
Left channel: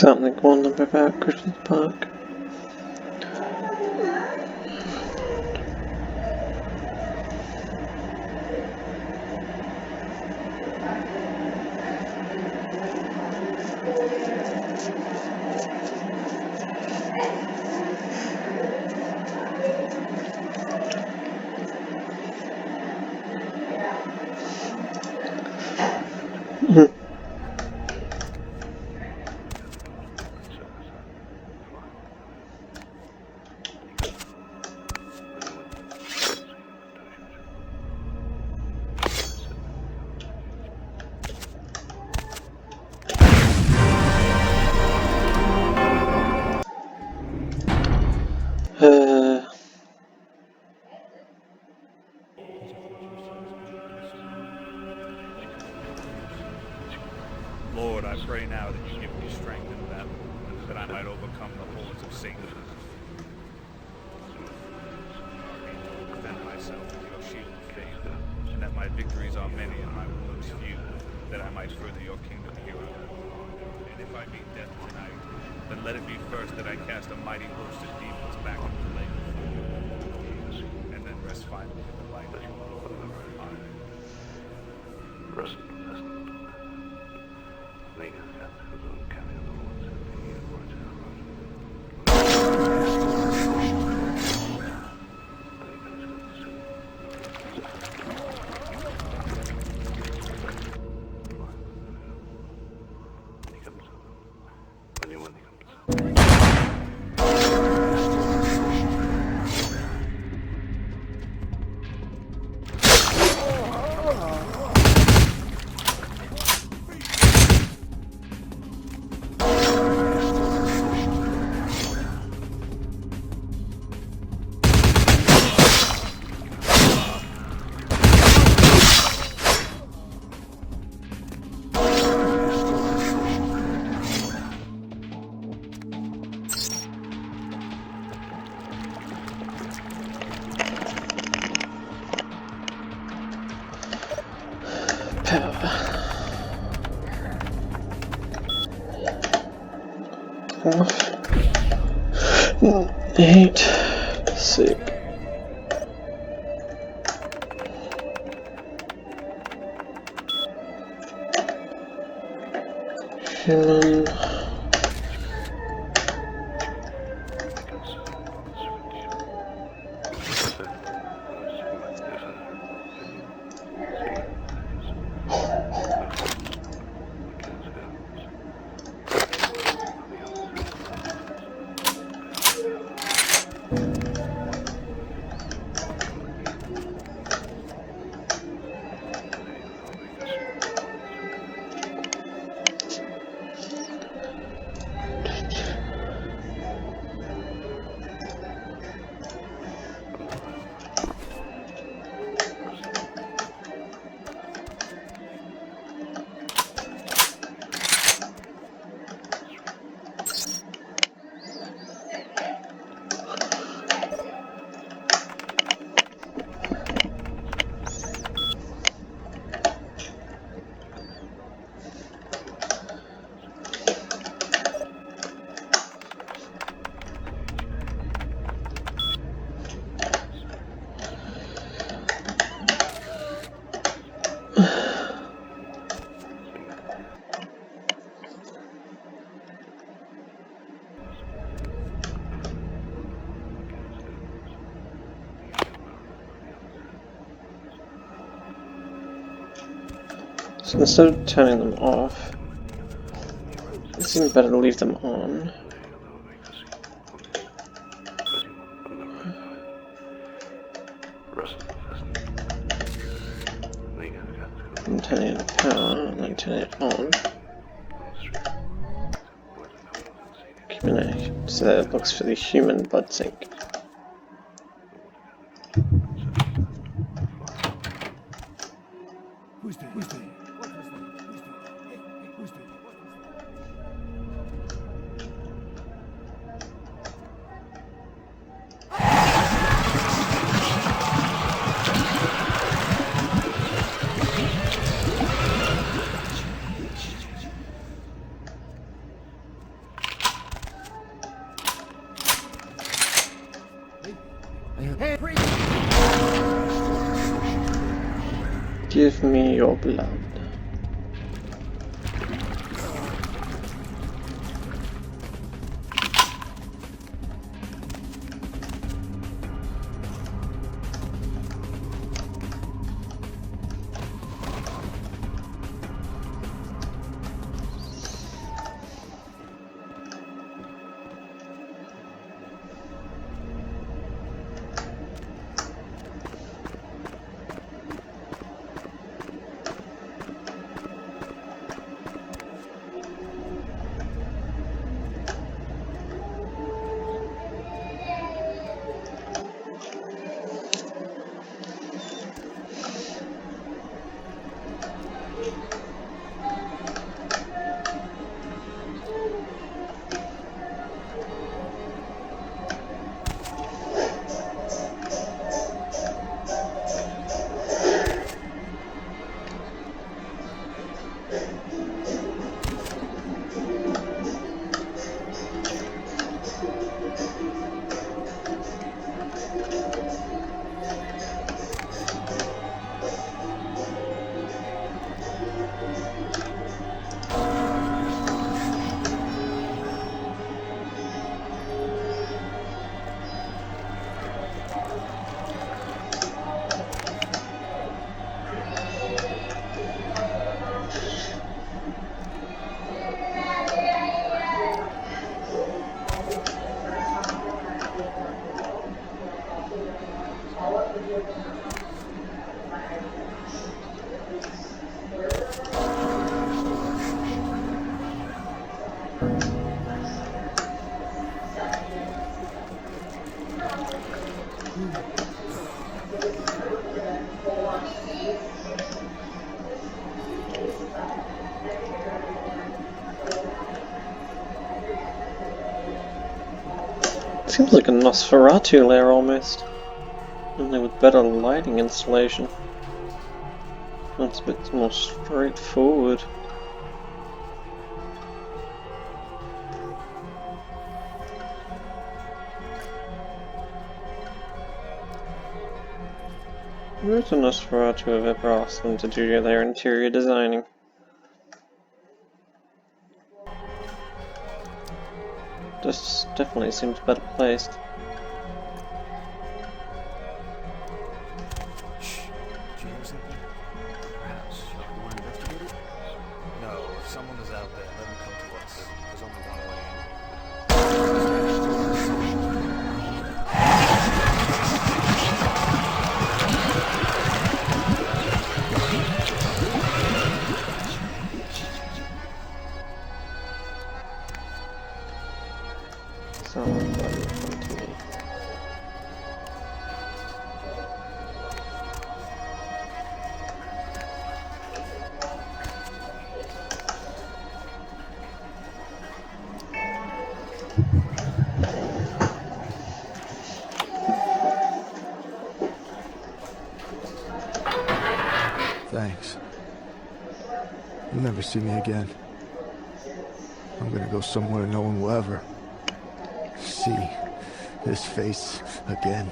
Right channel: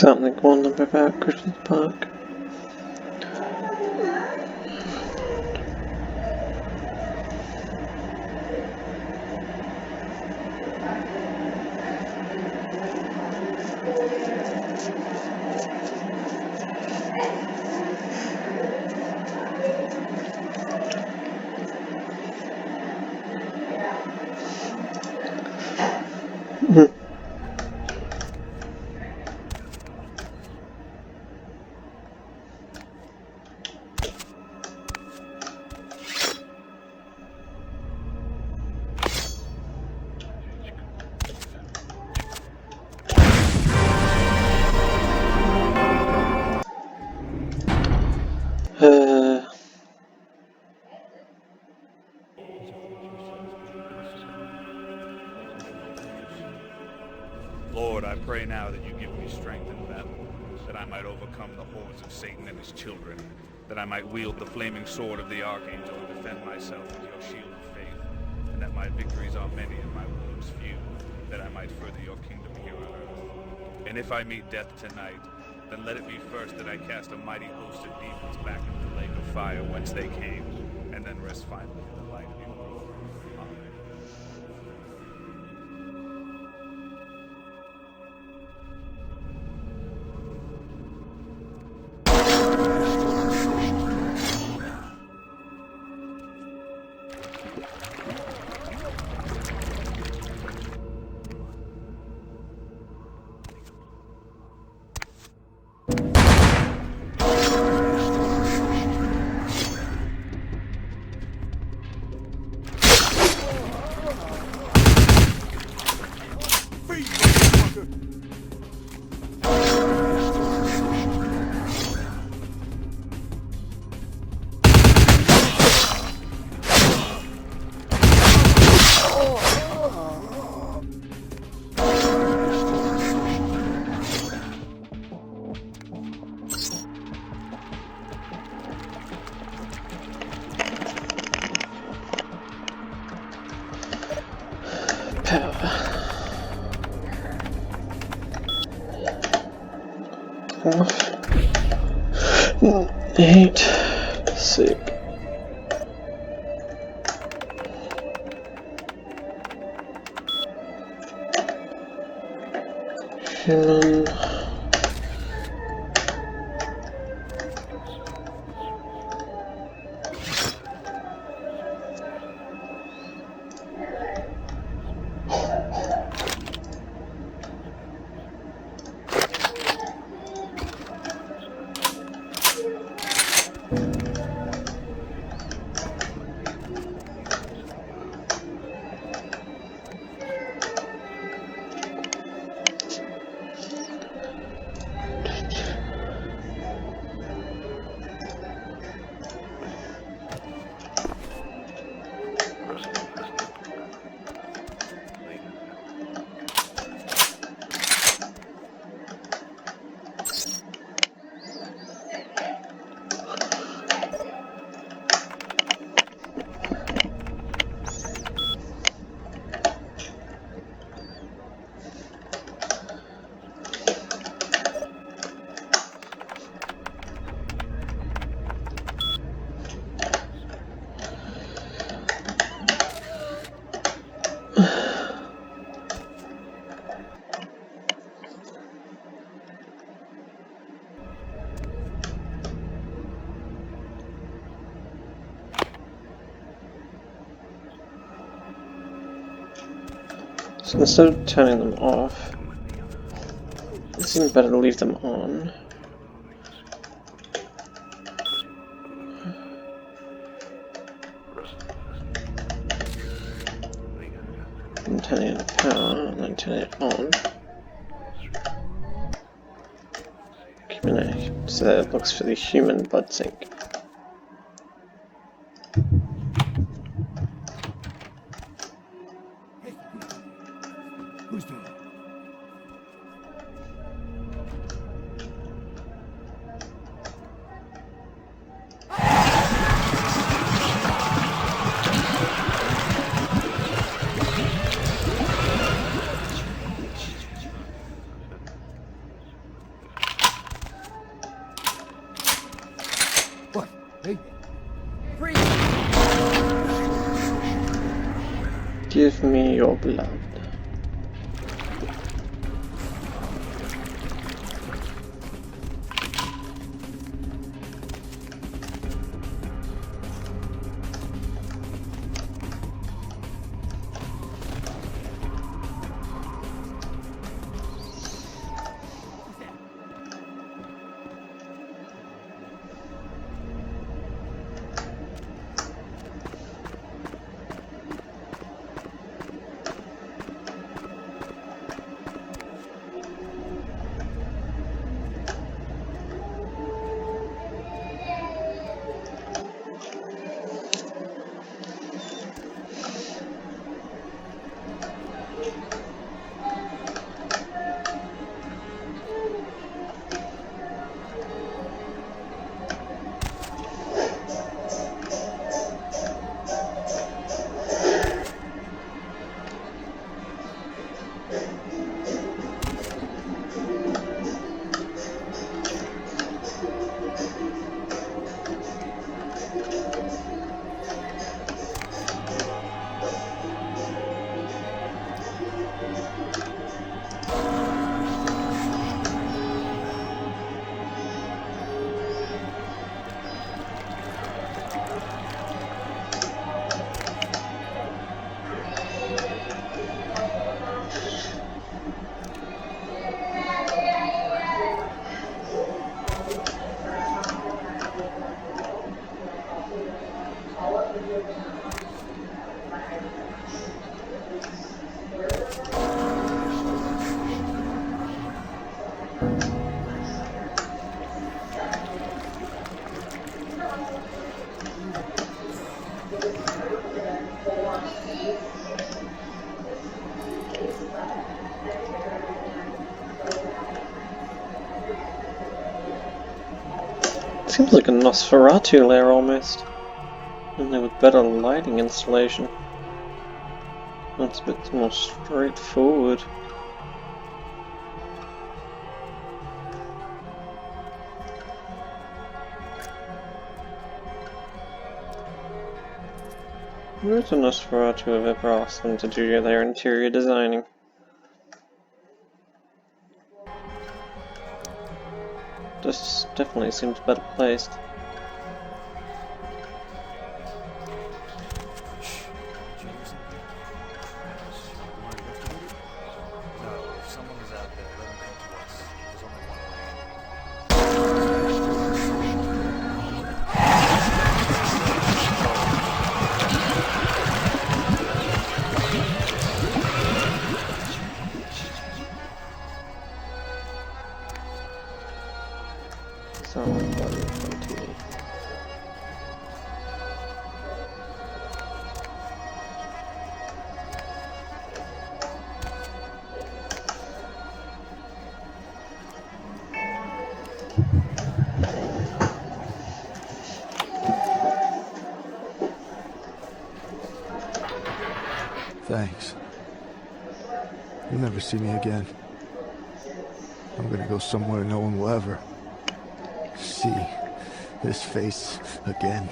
Something wonderful about Christmas Park. Lord, I pray now that you give me strength in battle, that I might overcome the hordes of Satan and his children, that I might wield the flaming sword of the Archangel and defend myself with your shield of faith, and that my victories are many and my wounds few, that I might further your kingdom here on earth. And if I meet death tonight, then let it be first that I cast a mighty host of demons back into the lake of fire whence they came, and then rest finally in the light of your Father. Eight, sick. Human. So instead of turning them off, it seems better to leave them on. And turning it power, and then turning it on. Keeping it so that it looks for the human blood sink. Give me your blood. Seems like a Nosferatu lair almost. Only with better lighting installation. That's a bit more straightforward. Where's the Nosferatu have ever asked them to do their interior designing? This definitely seems better placed. No, if someone is out there, let them come to us. There's only one way in. Sound like blood in front of me. Thanks. You'll never see me again. I'm gonna go somewhere no one will ever see this face again.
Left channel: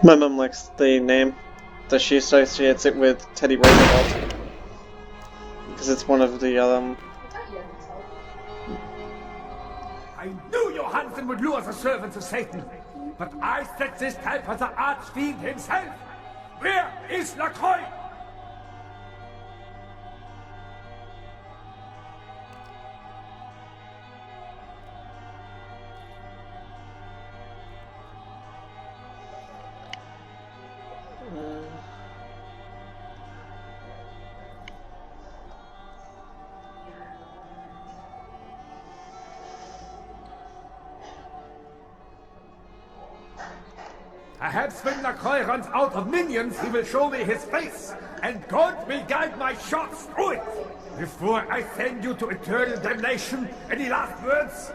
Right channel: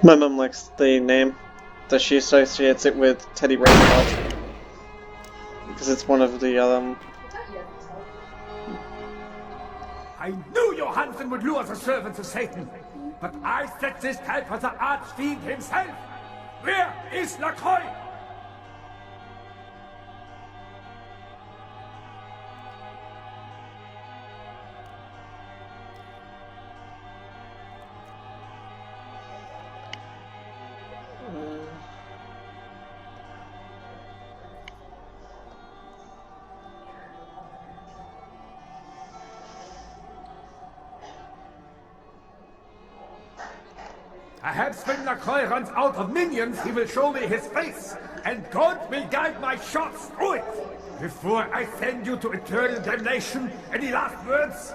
My mum likes the name, that she associates it with Teddy Roosevelt. Because it's one of the, I knew Johansen would lure the servant to Satan, but I set this type for the Archfiend himself. Where is Lacroix? Perhaps when Lacroix runs out of minions, he will show me his face, and God will guide my shots through it. Before I send you to eternal damnation, any last words?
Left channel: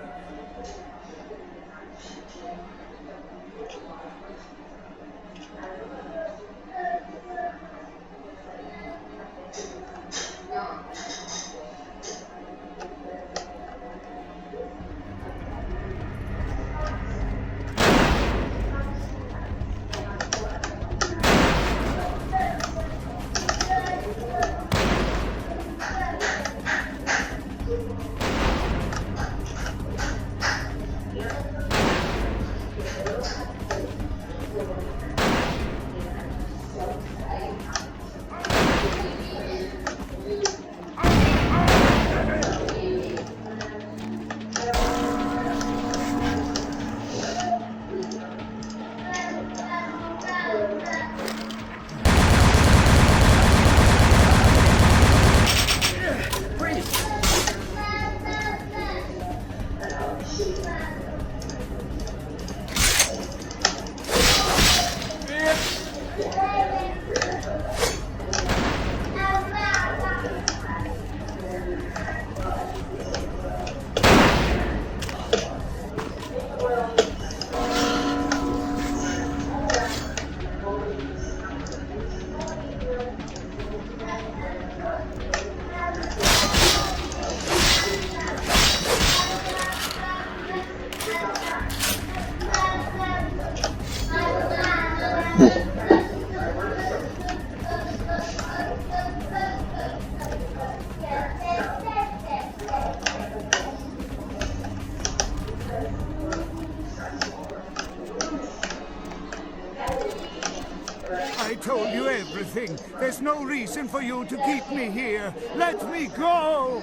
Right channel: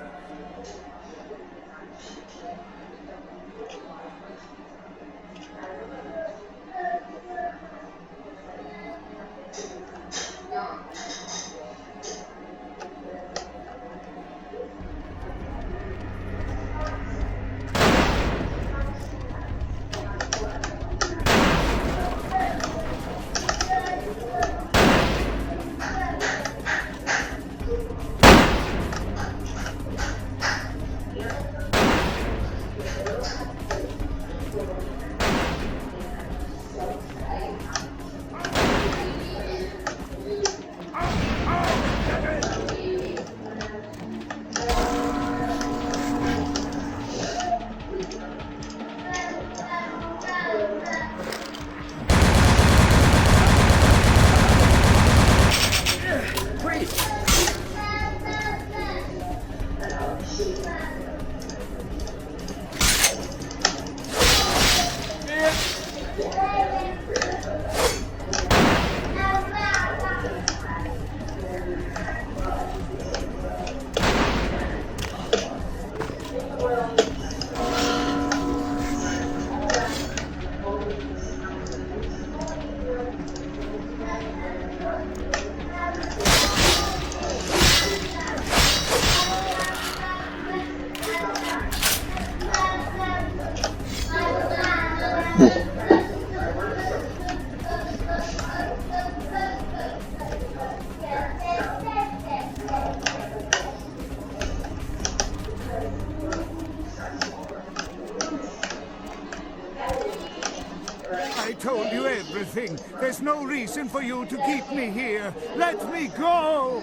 no reason for you to keep me here. Let me go!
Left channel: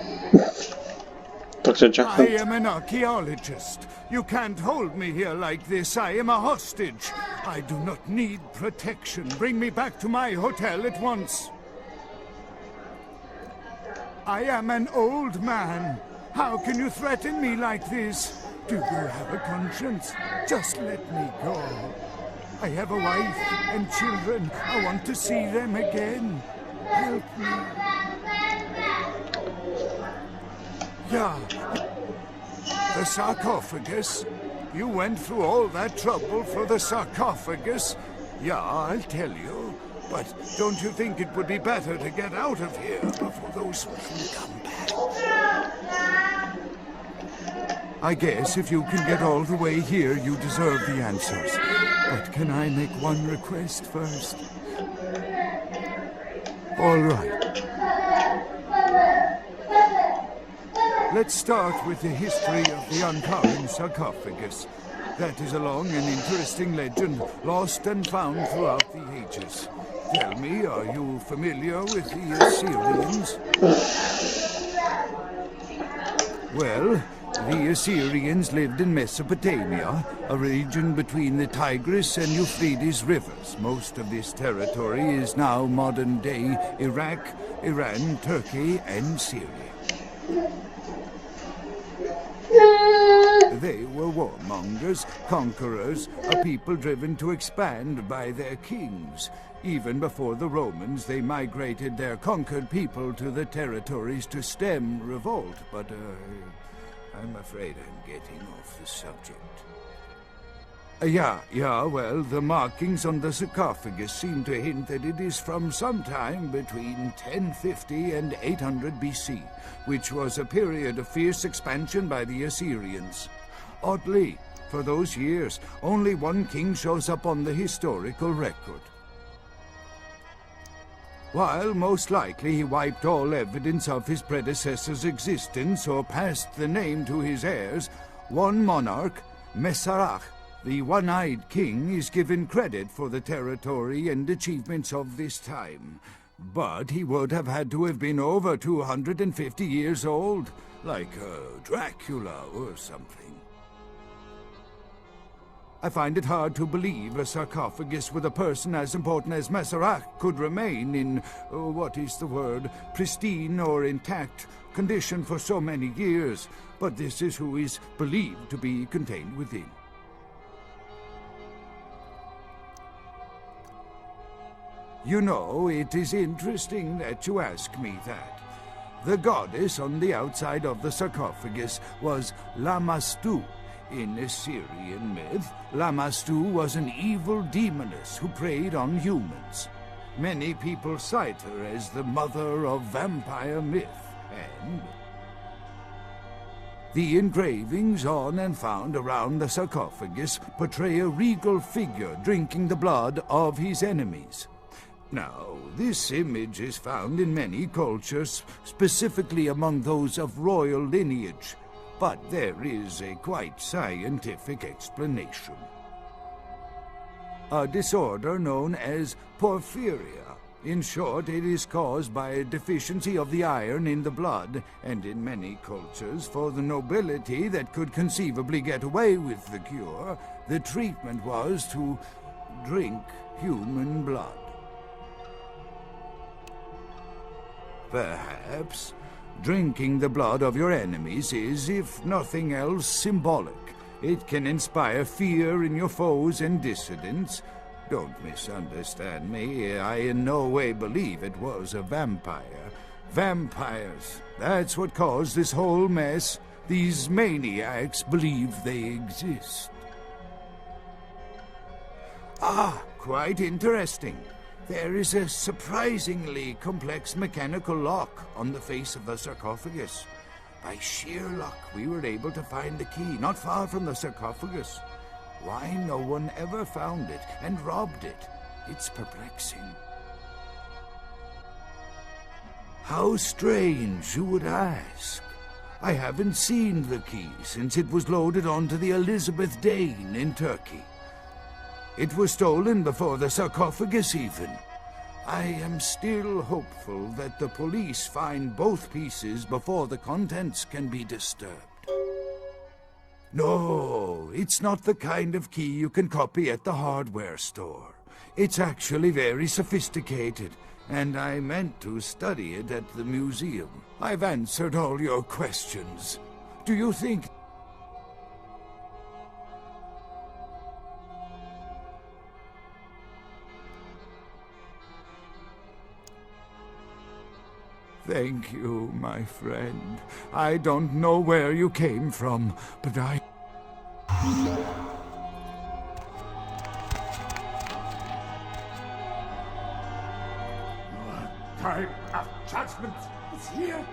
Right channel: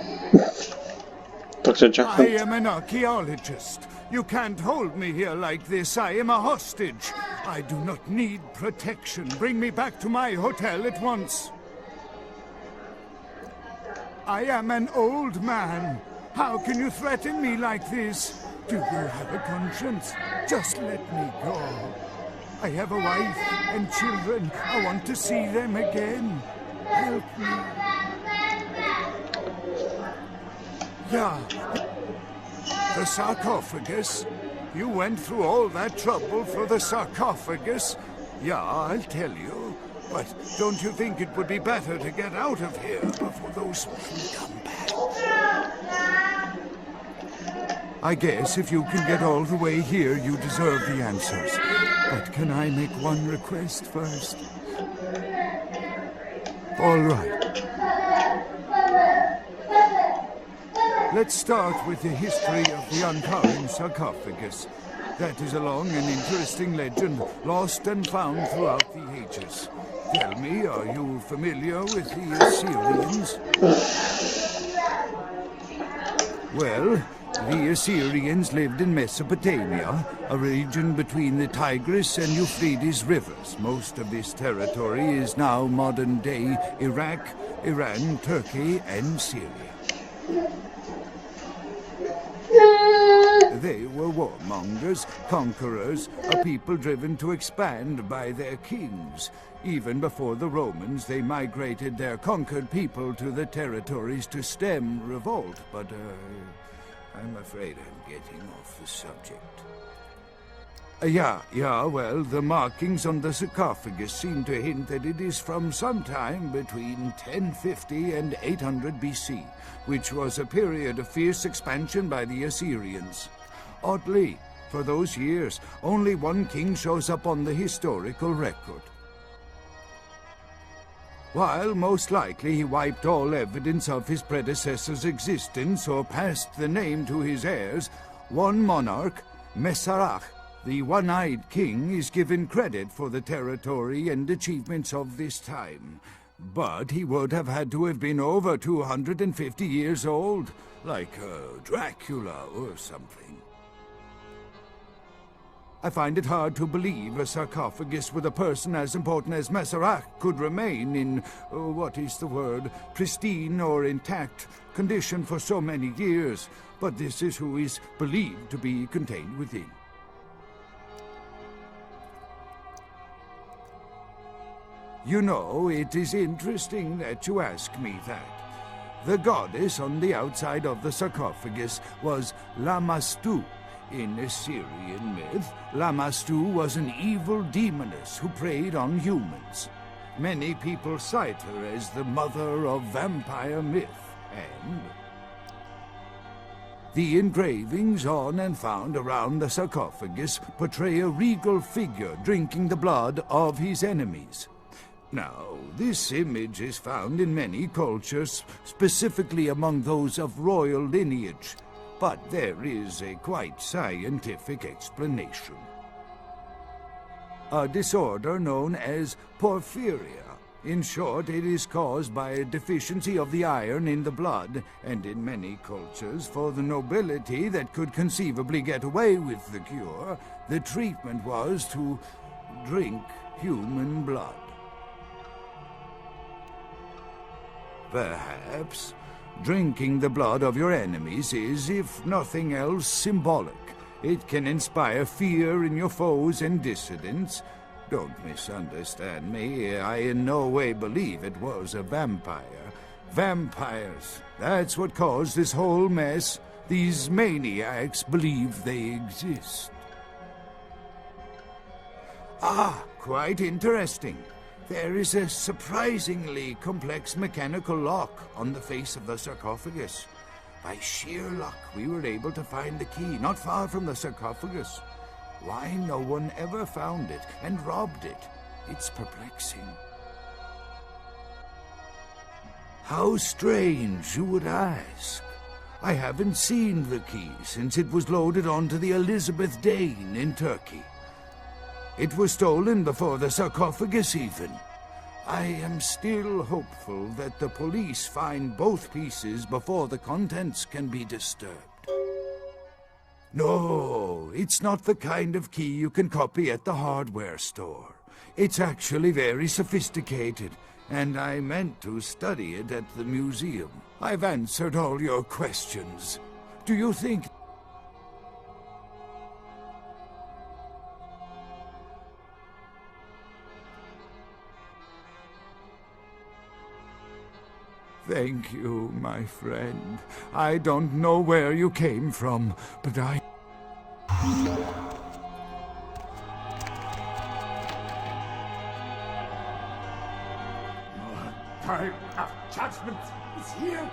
Dr. I Johnson. am an archaeologist. You can't hold me here like this. I am a hostage. I do not need protection. Bring me back to my hotel at once. I am an old man. How can you threaten me like this? Do you have a conscience? Just let me go. I have a wife and children. I want to see them again. Help me. Yeah. The sarcophagus? You went through all that trouble for the sarcophagus? Yeah, I'll tell you. But don't you think it would be better to get out of here before those who come back? I guess if you can get all the way here, you deserve the answers. But can I make one request first? All right. Let's start with the history of the Ankara sarcophagus. That is a long and interesting legend, lost and found throughout the ages. Tell me, are you familiar with the Assyrians? Well, the Assyrians lived in Mesopotamia, a region between the Tigris and Euphrates rivers. Most of this territory is now modern-day Iraq, Iran, Turkey, and Syria. They were warmongers, conquerors, a people driven to expand by their kings. Even before the Romans, they migrated their conquered people to the territories to stem revolt, but I'm afraid I'm getting off the subject. Well, the markings on the sarcophagus seem to hint that it is from sometime between 1050 and 800 BC, which was a period of fierce expansion by the Assyrians. Oddly, for those years, only one king shows up on the historical record. While most likely he wiped all evidence of his predecessor's existence or passed the name to his heirs, one monarch, Masquerade, the one-eyed king, is given credit for the territory and achievements of this time. But he would have had to have been over 250 years old, like Dracula or something. I find it hard to believe a sarcophagus with a person as important as Masquerade could remain in, pristine or intact condition for so many years, but this is who is believed to be contained within. You know, it is interesting that you ask me that. The goddess on the outside of the sarcophagus was Lamastu. In Assyrian myth, Lamastu was an evil demoness who preyed on humans. Many people cite her as the mother of vampire myth, and the engravings on and found around the sarcophagus portray a regal figure drinking the blood of his enemies. Now, this image is found in many cultures, specifically among those of royal lineage, but there is a quite scientific explanation. A disorder known as porphyria. In short, it is caused by a deficiency of the iron in the blood, and in many cultures, for the nobility that could conceivably get away with the cure, the treatment was to drink human blood. Perhaps drinking the blood of your enemies is, if nothing else, symbolic. It can inspire fear in your foes and dissidents. Don't misunderstand me. I in no way believe it was a vampire. Vampires, that's what caused this whole mess. These maniacs believe they exist. Ah, quite interesting. There is a surprisingly complex mechanical lock on the face of the sarcophagus. By sheer luck, we were able to find the key not far from the sarcophagus. Why no one ever found it and robbed it? It's perplexing. How strange, you would ask. I haven't seen the key since it was loaded onto the Elizabeth Dane in Turkey. It was stolen before the sarcophagus even. I am still hopeful that the police find both pieces before the contents can be disturbed. No, it's not the kind of key you can copy at the hardware store. It's actually very sophisticated, and I meant to study it at the museum. I've answered all your questions. Do you think... Thank you, my friend. I don't know where you came from, but I... Time of judgment is here.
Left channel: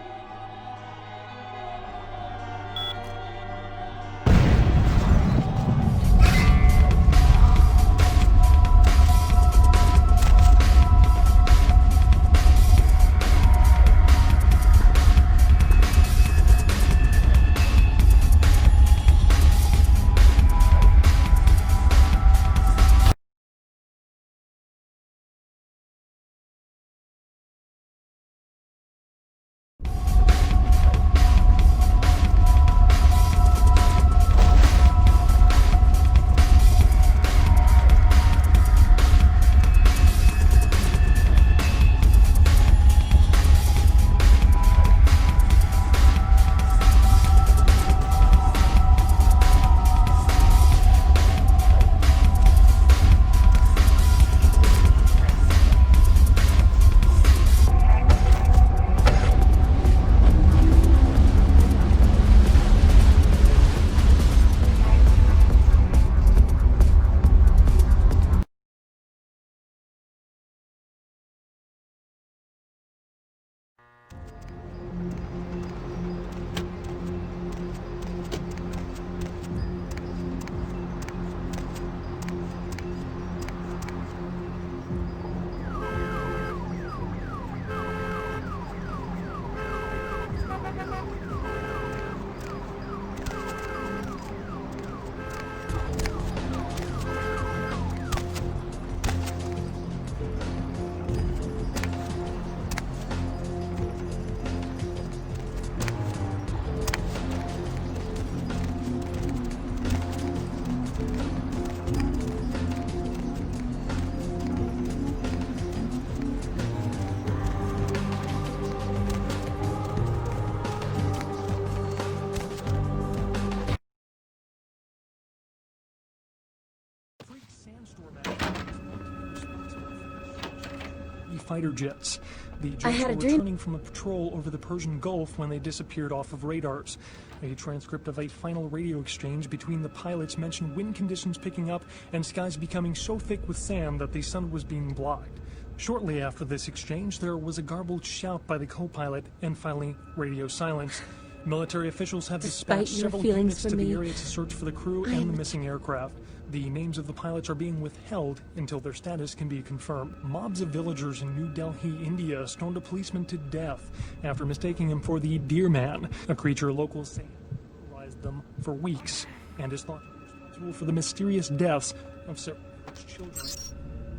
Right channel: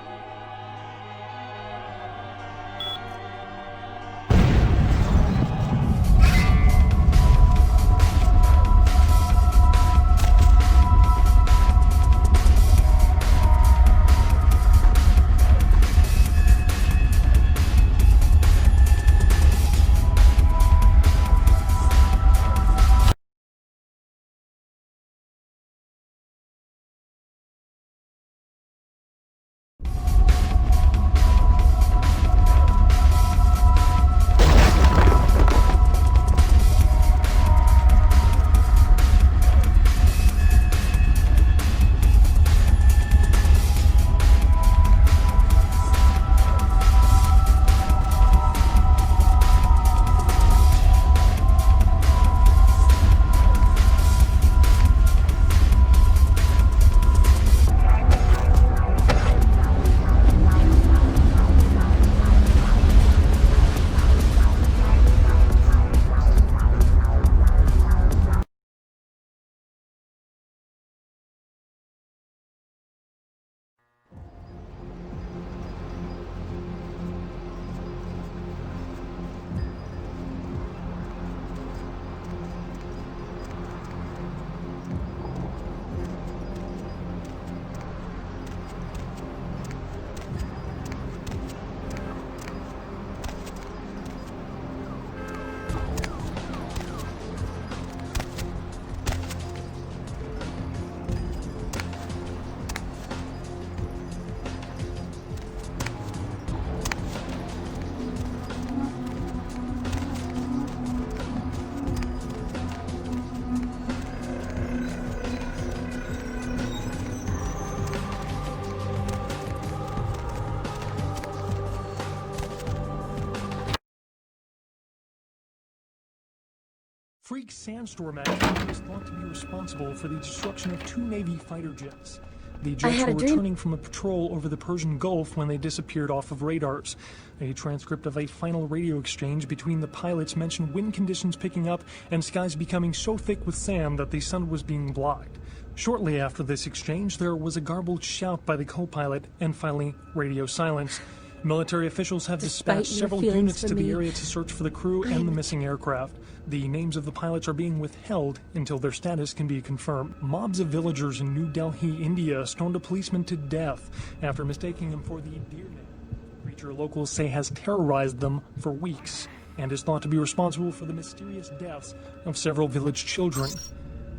Freak sandstorm activity is thought to be responsible for the destruction of 2 Navy fighter jets. The jets were returning from a patrol over the Persian Gulf when they disappeared off of radars. A transcript of a final radio exchange between the pilots mentioned wind conditions picking up and skies becoming so thick with sand that the sun was being blocked. Shortly after this exchange, there was a garbled shout by the co-pilot and finally radio silence. Military officials have dispatched several units to the area to search for the crew and the missing aircraft. The names of the pilots are being withheld until their status can be confirmed. Mobs of villagers in New Delhi, India, stormed a policeman to death after mistaking him for the Deer Man, a creature locals say has terrorized them for weeks and is thought to be responsible for the mysterious deaths of several village children.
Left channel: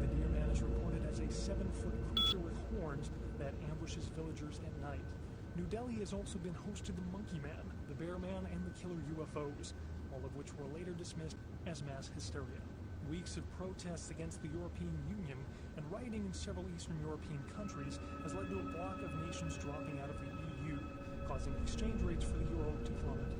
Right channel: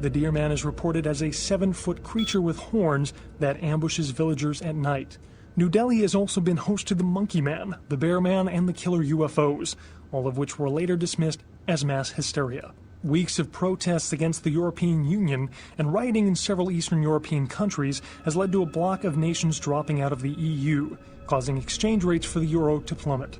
The Deer Man is reported as a 7-foot creature with horns that ambushes villagers at night. New Delhi has also been host to the Monkey Man, the Bear Man, and the Killer UFOs, all of which were later dismissed as mass hysteria. Weeks of protests against the European Union and rioting in several Eastern European countries has led to a bloc of nations dropping out of the EU, causing exchange rates for the euro to plummet.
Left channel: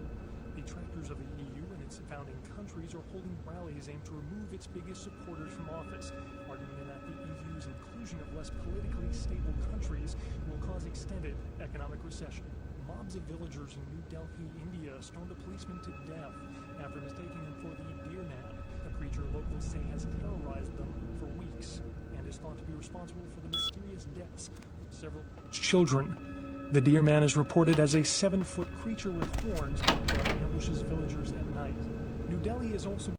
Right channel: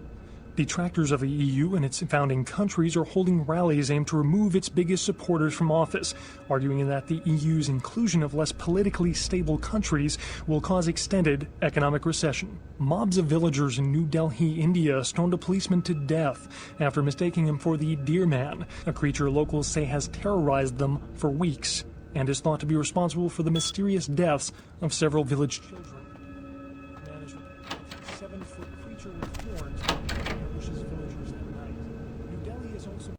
Detractors of the EU and its founding countries are holding rallies aimed to remove its biggest supporters from office, arguing that the EU's inclusion of less politically stable countries will cause extended economic recession. Mobs of villagers in New Delhi, India, stormed a policeman to death after mistaking him for the Deer Man, a creature locals say has terrorized them for weeks and is thought to be responsible for the mysterious deaths of several village children. The Deer Man is reported as a 7-foot creature with horns that ambushes villagers at night. New Delhi is also...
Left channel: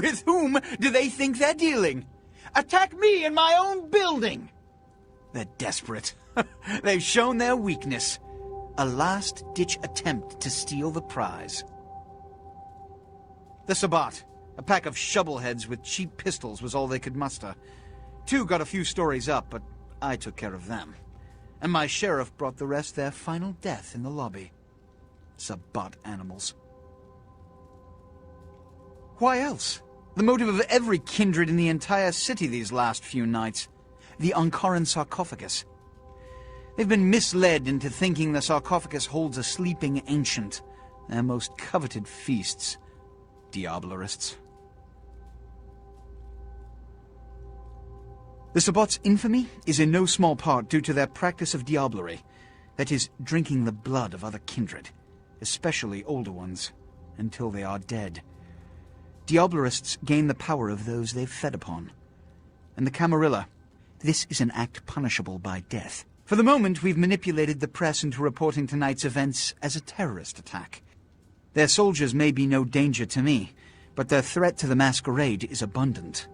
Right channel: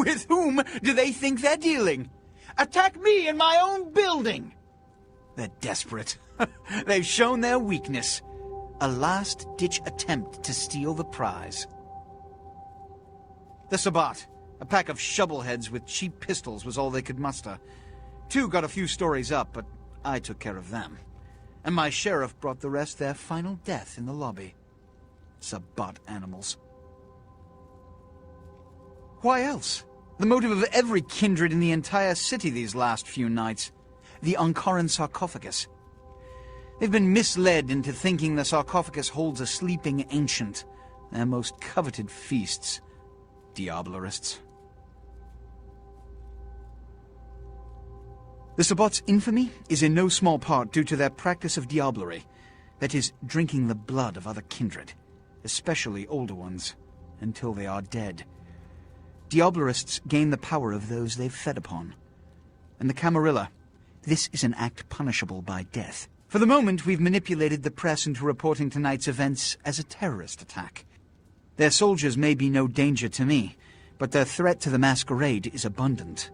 With whom do they think they're dealing? Attack me in my own building! They're desperate. They've shown their weakness. A last-ditch attempt to steal the prize. The Sabbat, a pack of shovelheads with cheap pistols, was all they could muster. 2 got a few stories up, but I took care of them. And my sheriff brought the rest their final death in the lobby. Sabbat animals. Why else? The motive of every kindred in the entire city these last few nights. The Ankaran sarcophagus. They've been misled into thinking the sarcophagus holds a sleeping ancient, their most coveted feasts. Diablerists. The Sabbat's infamy is in no small part due to their practice of diablerie, that is, drinking the blood of other kindred, especially older ones, until they are dead. Diablerists gain the power of those they've fed upon. And the Camarilla, this is an act punishable by death. For the moment, we've manipulated the press into reporting tonight's events as a terrorist attack. Their soldiers may be no danger to me, but their threat to the Masquerade is abundant.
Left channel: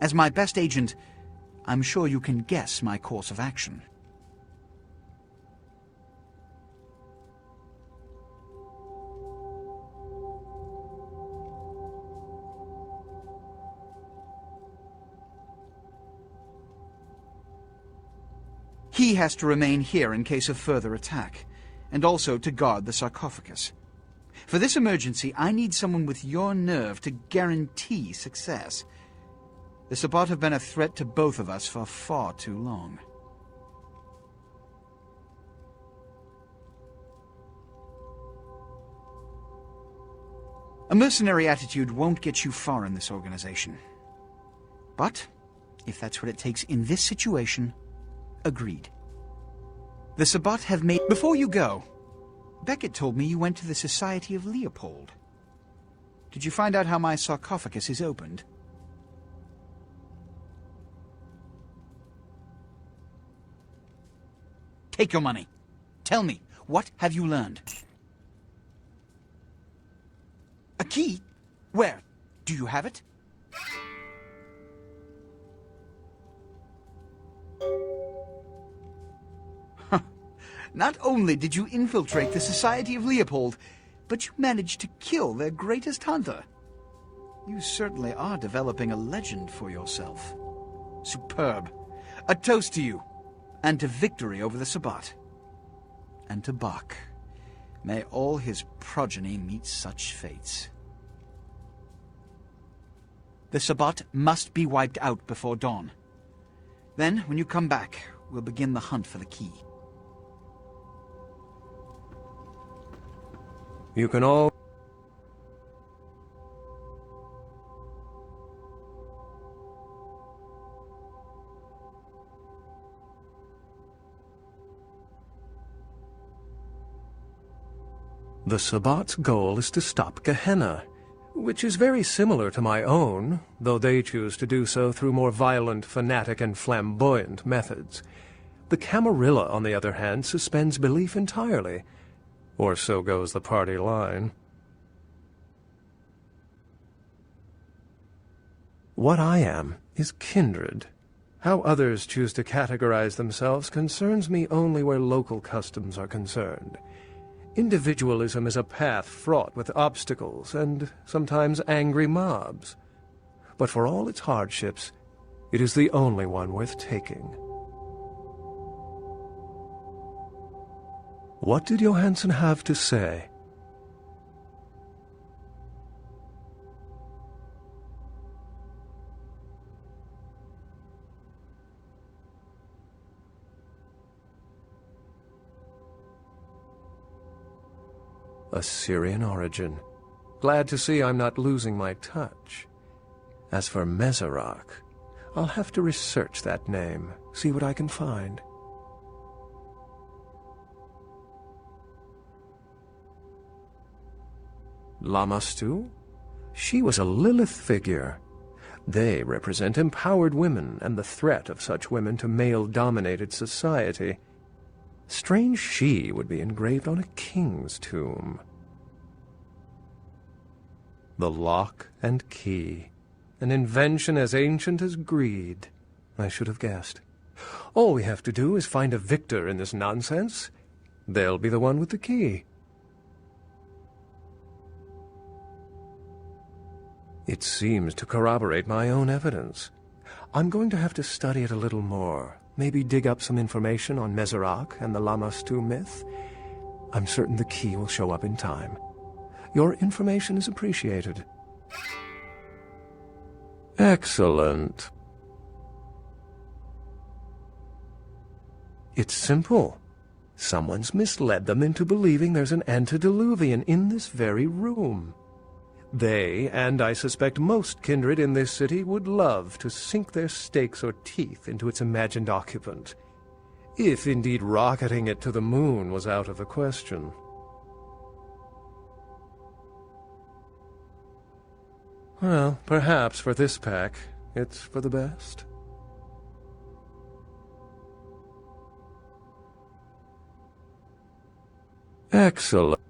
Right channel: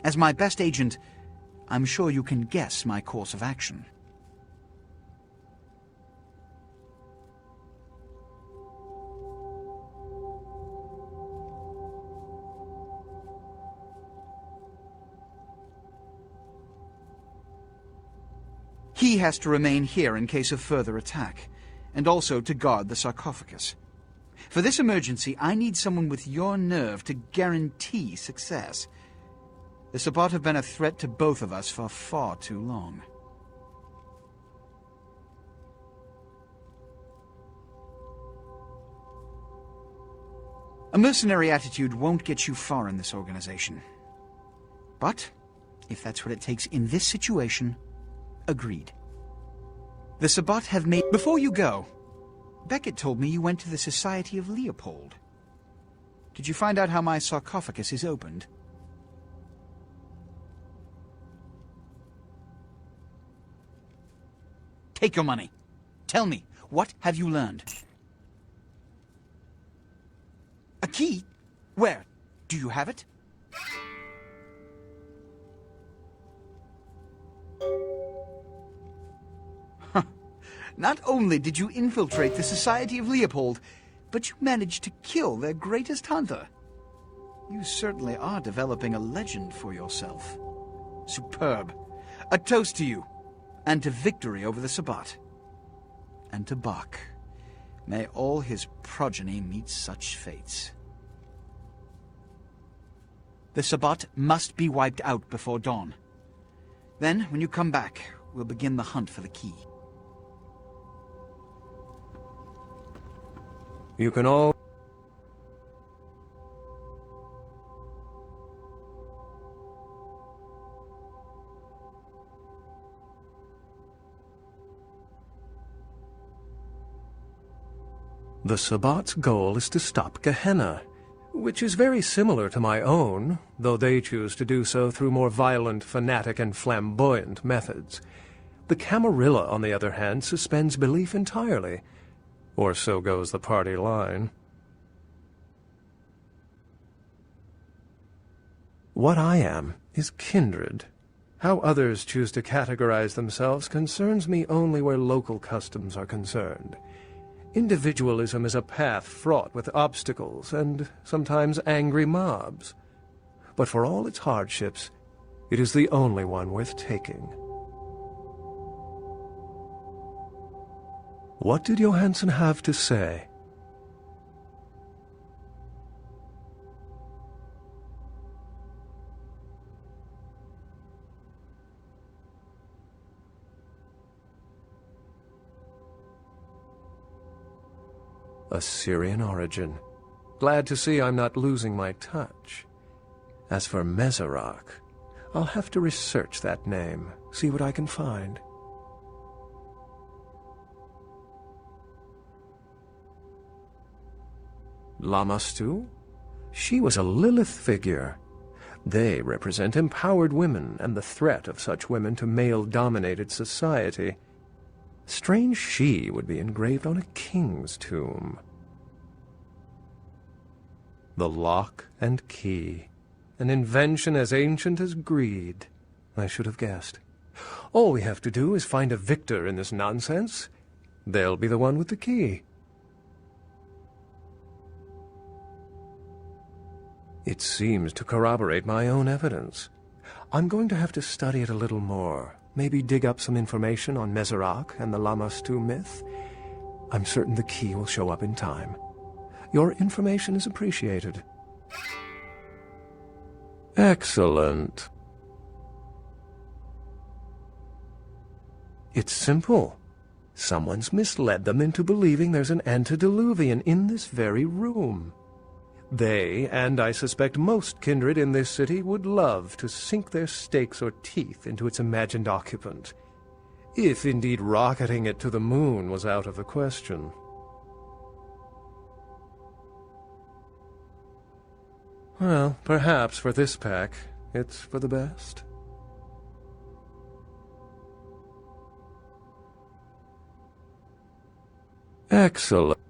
As my best agent, I'm sure you can guess my course of action. He has to remain here in case of further attack, and also to guard the sarcophagus. For this emergency, I need someone with your nerve to guarantee success. The Sabbat have been a threat to both of us for far too long. A mercenary attitude won't get you far in this organization. But, if that's what it takes in this situation, agreed. The Sabbat have made... Before you go, Beckett told me you went to the Society of Leopold. Did you find out how my sarcophagus is opened? Take your money. Tell me, what have you learned? A key? Where? Do you have it? Huh. Not only did you infiltrate the Society of Leopold, but you managed to kill their greatest hunter. You certainly are developing a legend for yourself. Superb. A toast to you, and to victory over the Sabbat. And to Bach. May all his progeny meet such fates. The Sabbat must be wiped out before dawn. Then, when you come back, we'll begin the hunt for the key. You can all... The Sabbat's goal is to stop Gehenna, which is very similar to my own, though they choose to do so through more violent, fanatic, and flamboyant methods. The Camarilla, on the other hand, suspends belief entirely. Or so goes the party line. What I am is kindred. How others choose to categorize themselves concerns me only where local customs are concerned. Individualism is a path fraught with obstacles and sometimes angry mobs. But for all its hardships, it is the only one worth taking. What did Johansson have to say? Assyrian origin. Glad to see I'm not losing my touch. As for Mezarak, I'll have to research that name, see what I can find. Lamastu? She was a Lilith figure. They represent empowered women and the threat of such women to male-dominated society. Strange she would be engraved on a king's tomb. The lock and key. An invention as ancient as greed. I should have guessed. All we have to do is find a victor in this nonsense. They'll be the one with the key. It seems to corroborate my own evidence. I'm going to have to study it a little more. Maybe dig up some information on Masquerade and the Lammastu myth. I'm certain the key will show up in time. Your information is appreciated. Excellent. It's simple. Someone's misled them into believing there's an antediluvian in this very room. They, and I suspect most kindred in this city, would love to sink their stakes or teeth into its imagined occupant, if indeed rocketing it to the moon was out of the question. Well, perhaps for this pack, it's for the best. Excellent.